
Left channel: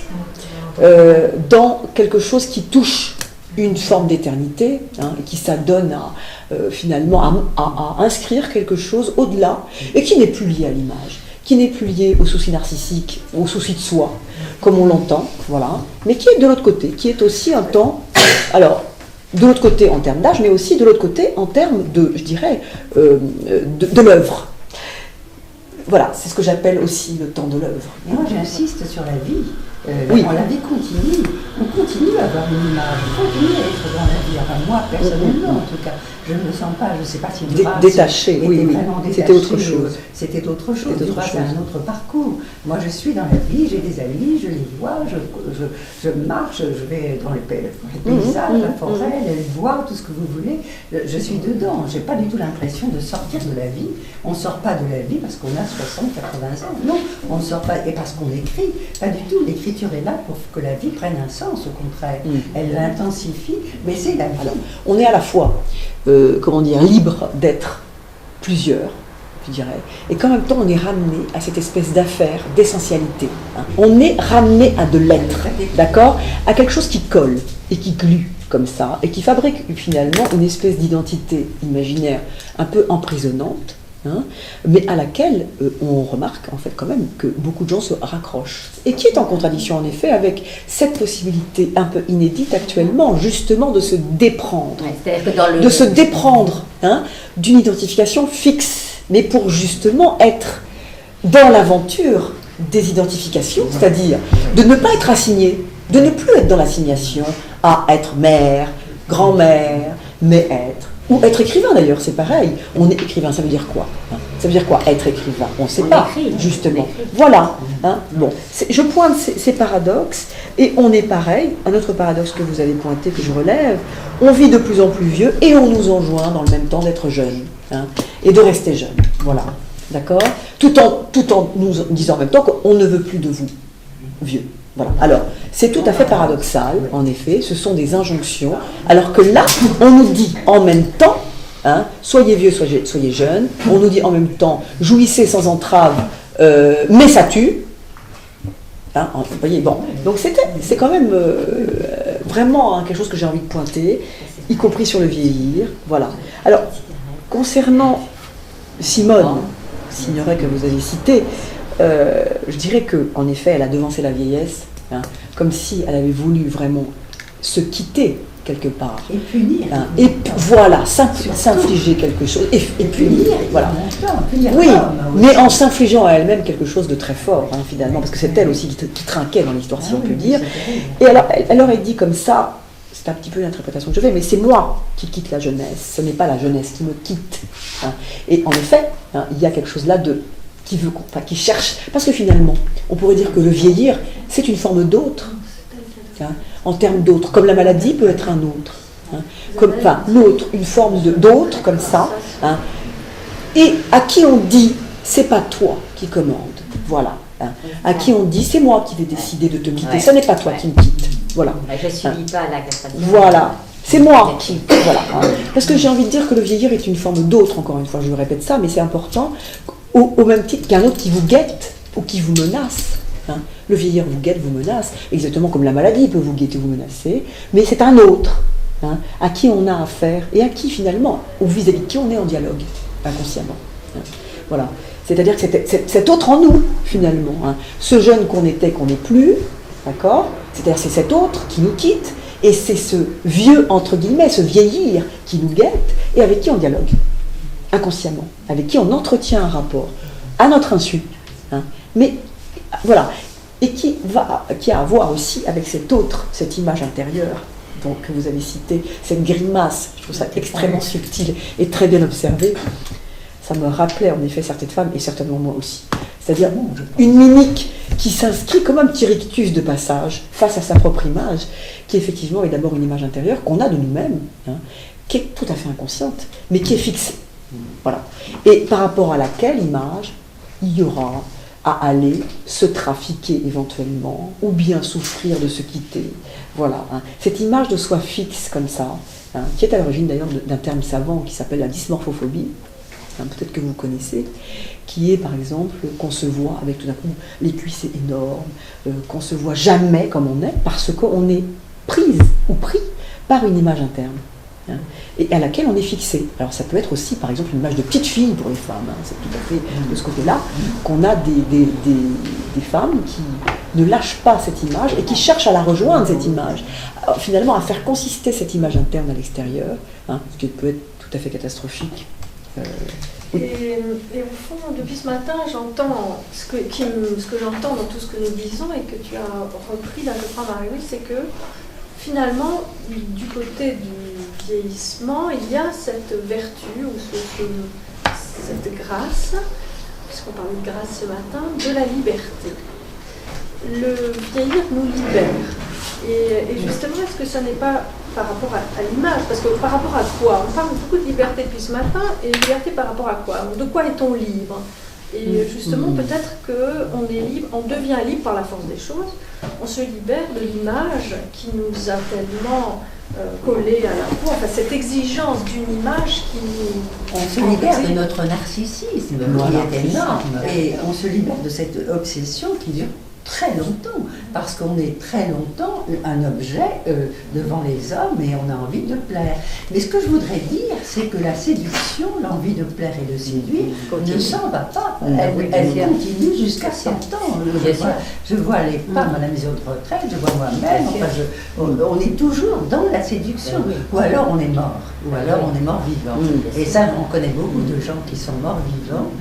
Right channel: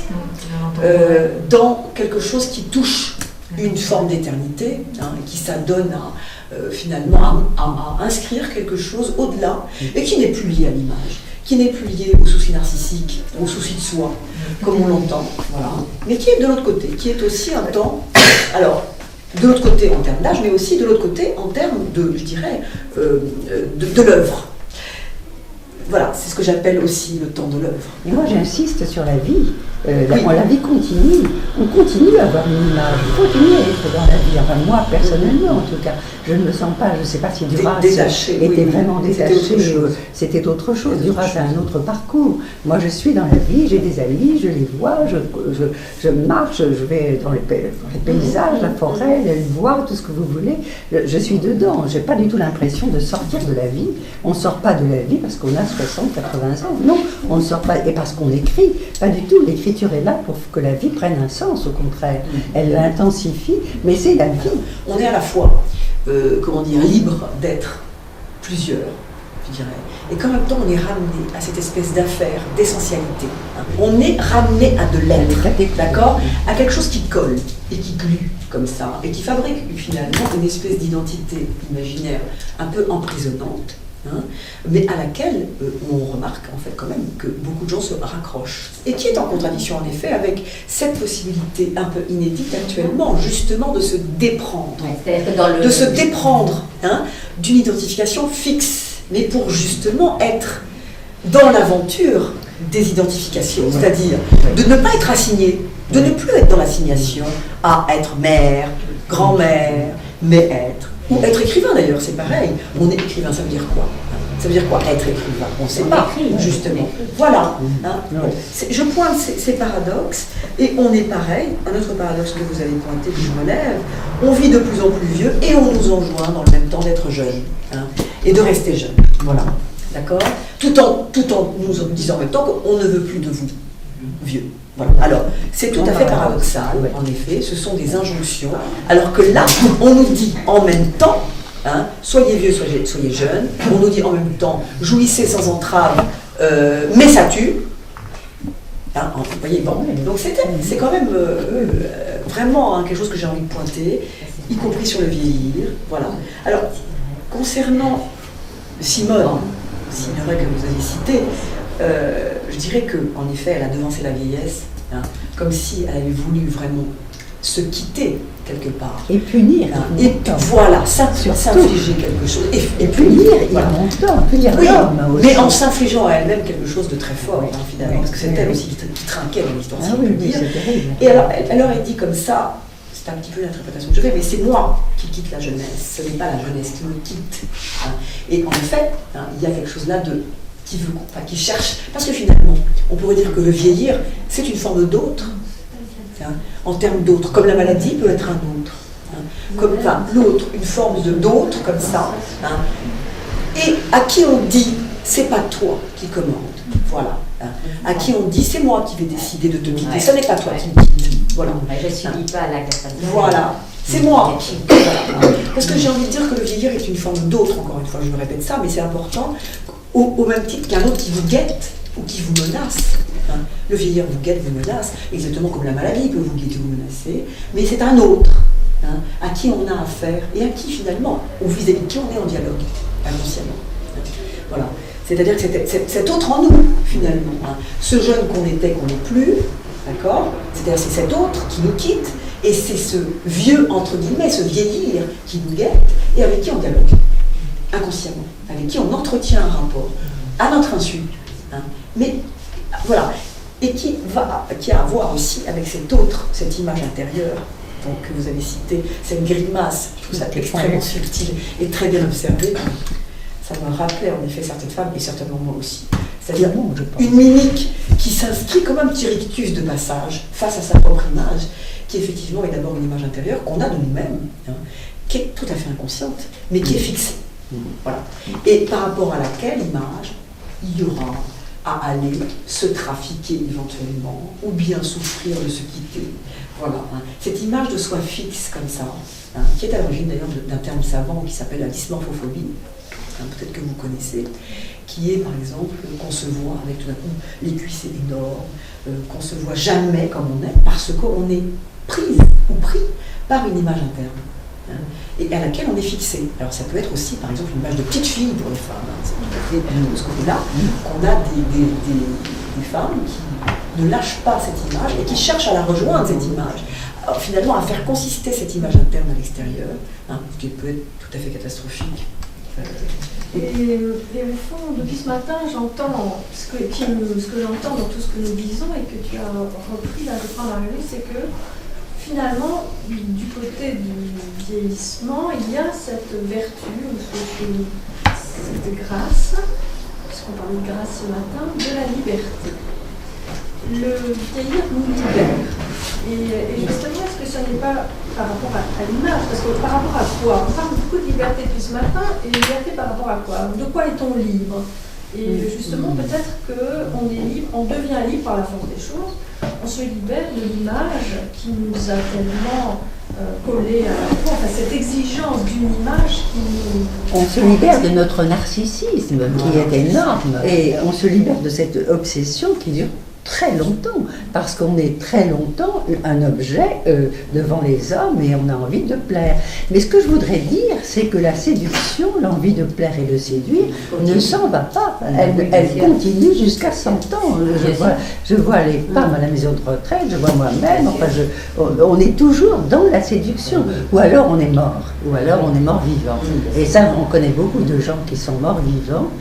dans quelque chose qui touche une forme d'éternité, qui s'adonne finalement à inscrire quelque chose au-delà, et qui n'est plus lié à l'image, qui n'est plus lié au souci narcissique, au souci de soi, comme on l'entend, voilà, mais qui est de l'autre côté, qui est aussi un temps, alors, de l'autre côté en termes d'âge, mais aussi de l'autre côté en termes de, je dirais, de l'œuvre. Voilà, c'est ce que j'appelle aussi le temps de l'œuvre. Et moi j'insiste sur la vie. La vie continue. On continue à avoir une image, on continue à être dans la vie. Enfin moi personnellement en tout cas, je ne me sens pas, je ne sais pas si Duras était vraiment détaché. C'était autre chose. Duras a un autre parcours. Moi je suis dans la vie, j'ai des amis, je les vois, je marche, je vais dans les paysages, la forêt, les bois, tout ce que vous voulez. Je suis dedans. Je n'ai pas du tout l'impression de sortir de la vie. On ne sort pas de la vie parce qu'on a 60, 80 ans. Non, on ne sort pas. Et parce qu'on écrit, pas du tout. L'écriture est là pour que la vie prenne un sens, au contraire. Elle l'intensifie, mais c'est la vie. Alors, on est à la fois, libre d'être plusieurs, je dirais, et qu'en même temps on est ramené à cette espèce d'affaire, d'essentialité. On est ramené à de l'être, d'accord, à quelque chose qui colle et qui glue comme ça, et qui fabrique finalement une espèce d'identité imaginaire un peu emprisonnante, mais à laquelle on remarque en fait quand même que beaucoup de gens se raccrochent, et qui est en contradiction en effet avec cette possibilité un peu inédite actuellement justement de se déprendre, de se déprendre d'une identification fixe, mais pour justement être dans l'aventure des identifications, c'est-à-dire de ne pas être assigné, de ne plus être dans l'assignation à être mère, grand-mère, mais être, ou être écrivain d'ailleurs, c'est pareil. On est écrivain, ça veut dire quoi ? Ça veut dire quoi, être écrivain? On ne sait On pas, écrit, justement. on écrit. Voilà. Hein. Bon. Je pointe ces paradoxes, et on est pareil. Un autre paradoxe que vous avez pointé, que je relève, on vit de plus en plus vieux, et on nous enjoint dans le même temps d'être jeune, hein, et de rester jeune. Voilà. D'accord? Tout en nous disant en même temps qu'on ne veut plus de vous, vieux. Voilà. Alors, c'est tout à fait paradoxal, en effet, ce sont des injonctions, alors que là, on nous dit en même temps, hein, soyez vieux, soyez jeunes, on nous dit en même temps, jouissez sans entrave, mais ça tue. Hein, vous voyez, bon. Donc c'est quand même vraiment quelque chose que j'ai envie de pointer, y compris sur le vieillir. Voilà. Alors, concernant Simone Signoret que vous avez citée, je dirais qu'en effet, elle a devancé la vieillesse, hein, comme si elle avait voulu vraiment se quitter quelque part. Et punir. Hein, et voilà, s'infliger quelque chose. Et punir, voilà. Punir Oui, l'homme mais en s'infligeant à elle-même quelque chose de très fort, hein, finalement, parce que c'est elle aussi qui trinquait dans l'histoire, si on peut dire. Et alors, elle dit comme ça, c'est un petit peu l'interprétation que je fais, mais c'est moi qui quitte la jeunesse, ce n'est pas la jeunesse qui me quitte. Hein. Et en effet, hein, il y a quelque chose là qui cherche, parce que finalement, on pourrait dire que le vieillir, c'est une forme d'autre, hein, en termes d'autre, comme la maladie peut être un autre, hein, l'autre, une forme d'autre, comme ça, hein, et à qui on dit, c'est pas toi qui commande, voilà, hein, à qui on dit, c'est moi qui vais décider de te quitter, ce n'est pas toi qui me quitte, voilà. Je ne subis pas la capacité. Voilà. C'est moi qui. Voilà. Parce que j'ai envie de dire que le vieillir est une forme d'autre, encore une fois, je me répète ça, mais c'est important, au même titre qu'un autre qui vous guette ou qui vous menace. Hein. Le vieillir vous guette, vous menace, exactement comme la maladie peut vous guetter, vous menacer, mais c'est un autre, hein, à qui on a affaire et à qui finalement, ou vis-à-vis de qui on est en dialogue, inconsciemment. Hein. Voilà. C'est-à-dire que c'est cet autre en nous, finalement. Hein. Ce jeune qu'on était, qu'on n'est plus, d'accord? C'est-à-dire c'est cet autre qui nous quitte. Et c'est ce vieux, entre guillemets, ce vieillir qui nous guette et avec qui on dialogue, inconsciemment, avec qui on entretient un rapport, à notre insu. Hein. Mais voilà, et qui a à voir aussi avec cet autre, cette image intérieure donc, que vous avez citée, cette grimace, je trouve ça extrêmement subtil et très bien observé. Ça me rappelait en effet certaines femmes, et certainement moi aussi. C'est-à-dire une mimique qui s'inscrit comme un petit rictus de passage face à sa propre image, qui effectivement est d'abord une image intérieure qu'on a de nous-mêmes, hein, qui est tout à fait inconsciente, mais qui est fixée. Voilà. Et par rapport à laquelle image, il y aura à aller se trafiquer éventuellement, ou bien souffrir de se quitter. Voilà. Hein. Cette image de soi fixe comme ça, hein, qui est à l'origine d'ailleurs d'un terme savant qui s'appelle la dysmorphophobie, hein, peut-être que vous connaissez, qui est par exemple qu'on se voit avec tout d'un coup les cuisses énormes, qu'on se voit jamais comme on est, parce qu'on est prise ou pris par une image interne, hein, et à laquelle on est fixé. Alors ça peut être aussi par exemple une image de petite fille pour les femmes, hein, c'est tout à fait de ce côté-là qu'on a des femmes qui ne lâchent pas cette image et qui cherchent à la rejoindre, cette image. Alors, finalement à faire consister cette image interne à l'extérieur, hein, ce qui peut être tout à fait catastrophique. Et au fond, depuis ce matin, j'entends ce que j'entends dans tout ce que nous disons et que tu as repris là, je crois, Marie-Louise, c'est que finalement, du côté du vieillissement, il y a cette vertu ou cette grâce, puisqu'on parlait de grâce ce matin, de la liberté. Le vieillir nous libère. Et justement, est-ce que ce n'est pas par rapport à l'image? Parce que par rapport à quoi? On parle beaucoup de liberté depuis ce matin, et liberté par rapport à quoi? De quoi est-on libre? Et justement, peut-être qu'on est libre, on devient libre par la force des choses, on se libère de l'image qui nous a tellement collé à la peau, enfin cette exigence d'une image qui nous... On se libère de notre narcissisme qui est énorme, et on se libère de cette obsession qui dure très longtemps, parce qu'on est très longtemps un objet devant les hommes et on a envie de plaire. Mais ce que je voudrais dire, c'est que la séduction, l'envie de plaire et de séduire, ne s'en va pas. Elle continue jusqu'à 100 ans. Je vois les femmes à la maison de retraite, je vois moi-même, enfin, on est toujours dans la séduction. Ou alors on est mort, ou alors on est mort vivant. Et ça, on connaît beaucoup de gens qui sont morts vivants.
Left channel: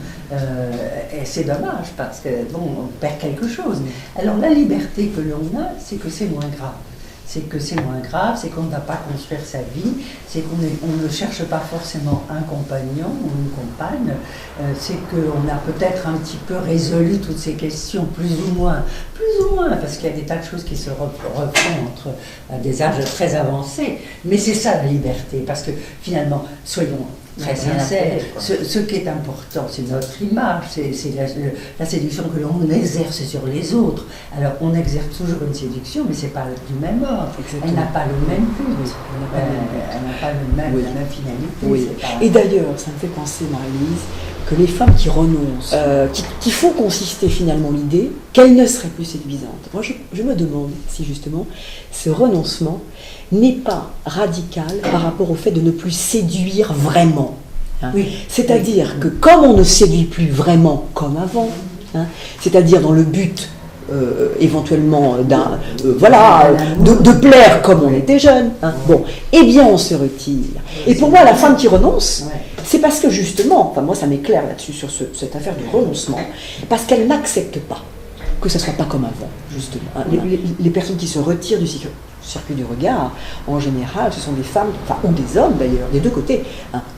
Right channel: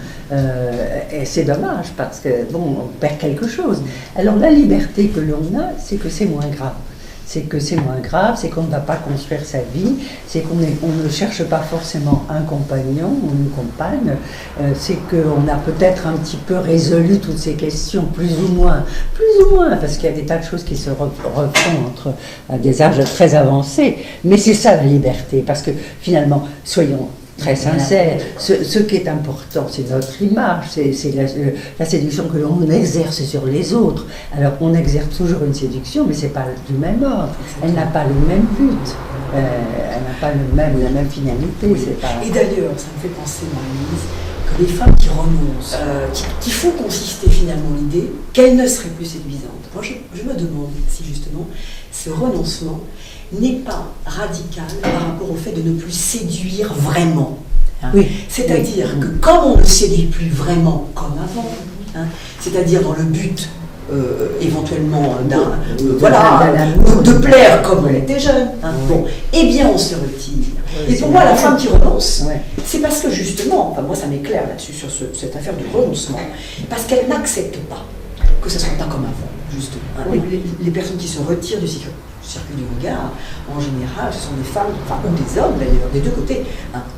Et c'est dommage parce que bon, on perd quelque chose. Alors la liberté que l'on a, c'est que c'est moins grave. c'est que c'est moins grave, c'est qu'on ne va pas construire sa vie, c'est qu'on ne cherche pas forcément un compagnon ou une compagne, c'est qu'on a peut-être un petit peu résolu toutes ces questions, plus ou moins, parce qu'il y a des tas de choses qui se refont à des âges très avancés, mais c'est ça la liberté, parce que finalement, soyons très sincère, ce qui est important, c'est notre image, c'est la séduction que l'on exerce sur les autres. Alors, on exerce toujours une séduction, mais ce n'est pas du même ordre. Elle n'a pas le même but, elle n'a pas la même finalité. Oui. Et d'ailleurs, ça me fait penser, Marie-Louise, que les femmes qui renoncent, qui font consister finalement l'idée qu'elles ne seraient plus séduisantes. Moi, je me demande si justement ce renoncement n'est pas radical par rapport au fait de ne plus séduire vraiment. Oui. C'est-à-dire que comme on ne séduit plus vraiment comme avant, c'est-à-dire dans le but éventuellement de plaire comme on était jeune, bon, eh bien on se retire. Et pour moi, la femme qui renonce, c'est parce que justement, enfin moi ça m'éclaire là-dessus sur cette affaire du renoncement, parce qu'elle n'accepte pas que ça ne soit pas comme avant, justement. Les personnes qui se retirent du circuit du regard, en général, ce sont des femmes, ou des hommes d'ailleurs, des deux côtés,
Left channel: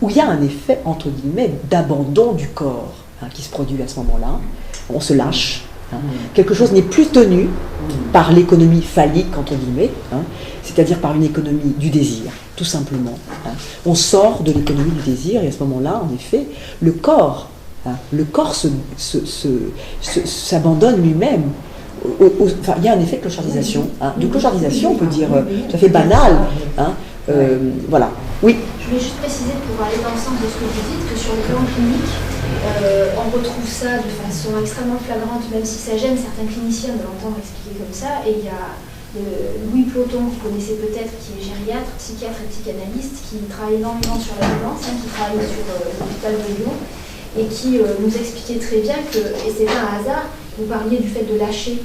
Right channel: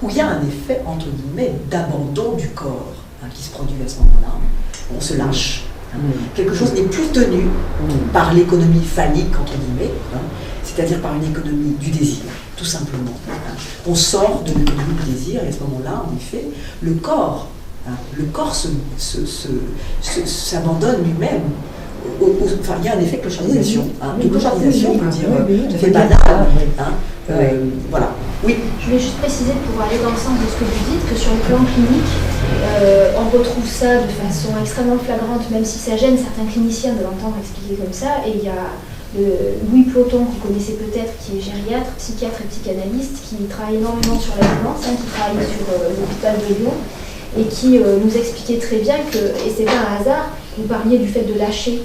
où il y a un effet, entre guillemets, d'abandon du corps qui se produit à ce moment-là. On se lâche. Quelque chose n'est plus tenu par l'économie phallique, entre guillemets, c'est-à-dire par une économie du désir, tout simplement. On sort de l'économie du désir, et à ce moment-là, en effet, le corps s'abandonne lui-même. Enfin, il y a un effet de clochardisation. De clochardisation, on peut dire, ça fait banal. Voilà. Oui. Je voulais juste préciser, pour aller dans le sens de ce que vous dites, que sur le plan clinique, on retrouve ça de façon extrêmement flagrante, même si ça gêne certains cliniciens de l'entendre expliquer comme ça. Et il y a Louis Ploton, que vous connaissez peut-être, qui est gériatre, psychiatre et psychanalyste, qui travaille énormément sur la violence, qui travaille sur l'hôpital de Lyon, et qui nous expliquait très bien que, et c'est pas un hasard, vous parliez du fait de lâcher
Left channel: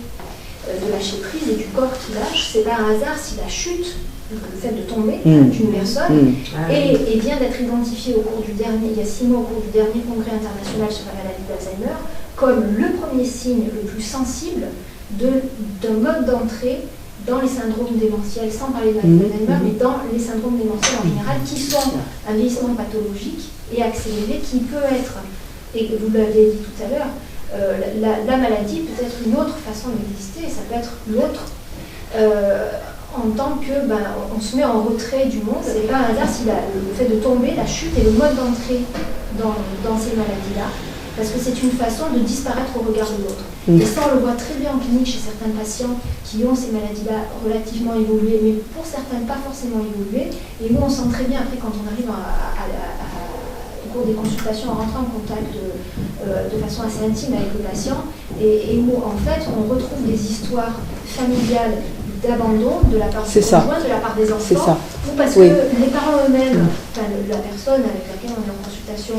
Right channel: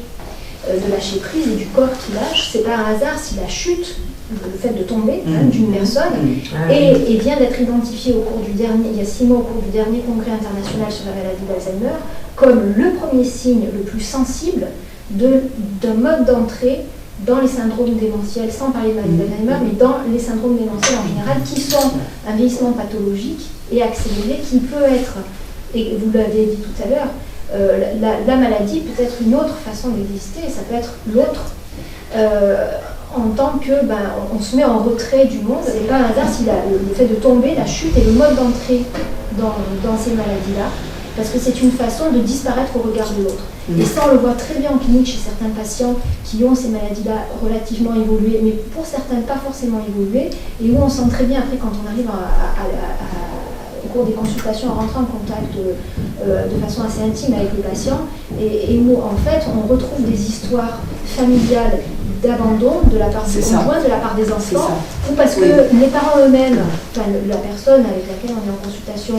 prise et du corps qui lâche, c'est pas un hasard si la chute, le fait de tomber d'une personne, et vient d'être identifié il y a 6 mois, au cours du dernier congrès international sur la maladie d'Alzheimer, comme le premier signe le plus sensible d'un mode d'entrée dans les syndromes démentiels, sans parler de maladie d'Alzheimer, mais dans les syndromes démentiels en général, qui sont un vieillissement pathologique et accéléré, qui peut être, et vous l'avez dit tout à l'heure, la maladie peut être une autre façon d'exister, et ça peut être l'autre, en tant que on se met en retrait du monde. C'est pas un hasard si le fait de tomber, la chute est le mode d'entrée dans ces maladies-là, parce que c'est une façon de disparaître au regard de l'autre. Et ça, on le voit très bien en clinique chez certains patients qui ont ces maladies-là relativement évoluées, mais pour certains pas forcément évoluées, et où on sent très bien après, quand on arrive au cours des consultations, en rentrant en contact de façon assez intime avec le patient, et où en fait on retrouve des histoires familiales d'abandon de la part du conjoint, de la part des enfants, ou parce que les parents eux-mêmes, la personne avec laquelle on est en consultation,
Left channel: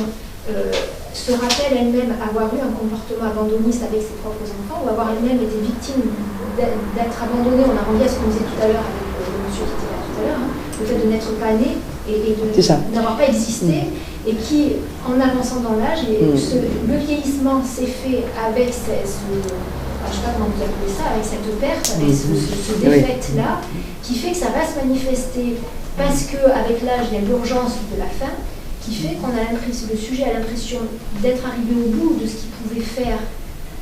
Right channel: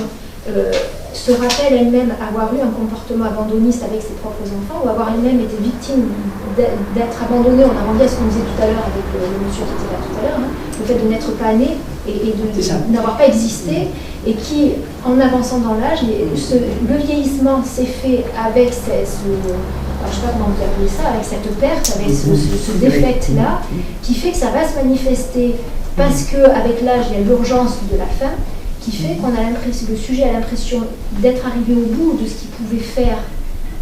se rappelle elle-même avoir eu un comportement abandonniste avec ses propres enfants, ou avoir elle-même été victime d'être abandonnée. On a rendu à ce qu'on disait tout à l'heure avec le monsieur qui était là tout à l'heure, le fait de n'être pas né et de n'avoir pas existé, et qui, en avançant dans l'âge, le vieillissement s'est fait avec je ne sais pas comment vous appelez ça, avec cette perte, avec ce défect-là, qui fait que ça va se manifester parce qu'avec l'âge, il y a l'urgence de la fin, qui fait qu'on a l'impression, le sujet a l'impression d'être arrivé au bout de ce qu'il pouvait faire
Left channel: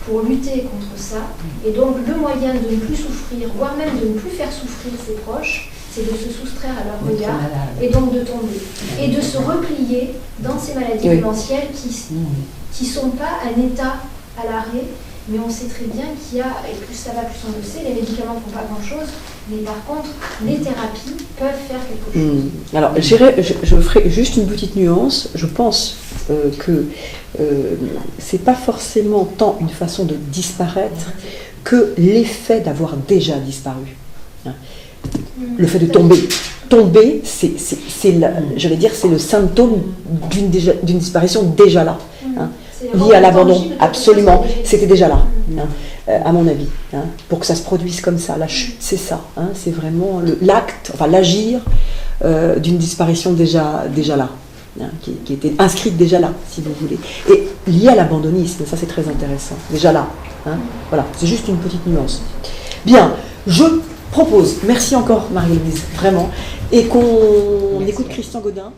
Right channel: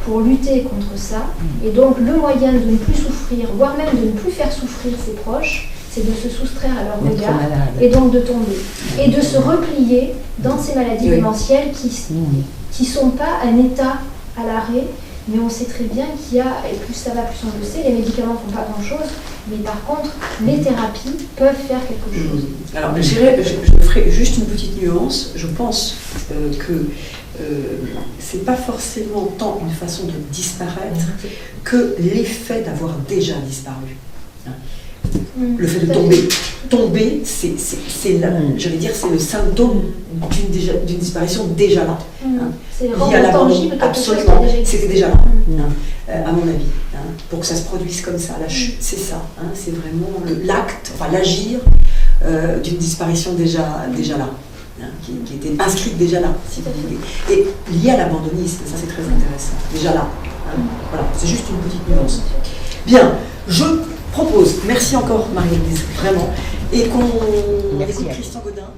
pour lutter contre ça, et donc le moyen de ne plus souffrir, voire même de ne plus faire souffrir ses proches, c'est de se soustraire à leur regard, et donc de tomber, et de se replier dans ces maladies démentielles qui sont pas un état à l'arrêt, mais on sait très bien qu'il y a, et plus ça va, plus on le sait, les médicaments ne font pas grand-chose, mais par contre, les thérapies peuvent faire quelque chose. Alors, je ferai juste une petite nuance. Je pense que c'est pas forcément tant une façon de disparaître que l'effet d'avoir déjà disparu. Le fait de tomber. Tomber, c'est le symptôme d'une disparition déjà là. Lié à l'abandon, absolument, c'était déjà là, à mon avis, pour que ça se produise comme ça, la chute, c'est ça, c'est vraiment l'acte, enfin l'agir d'une disparition déjà là, qui était inscrite déjà là, si vous voulez, et lié à l'abandonnisme, ça c'est très intéressant, déjà là, voilà, c'est juste une petite nuance. Bien, je propose, merci encore Marie-Élise, vraiment, et qu'on Merci. écoute Christian Godin.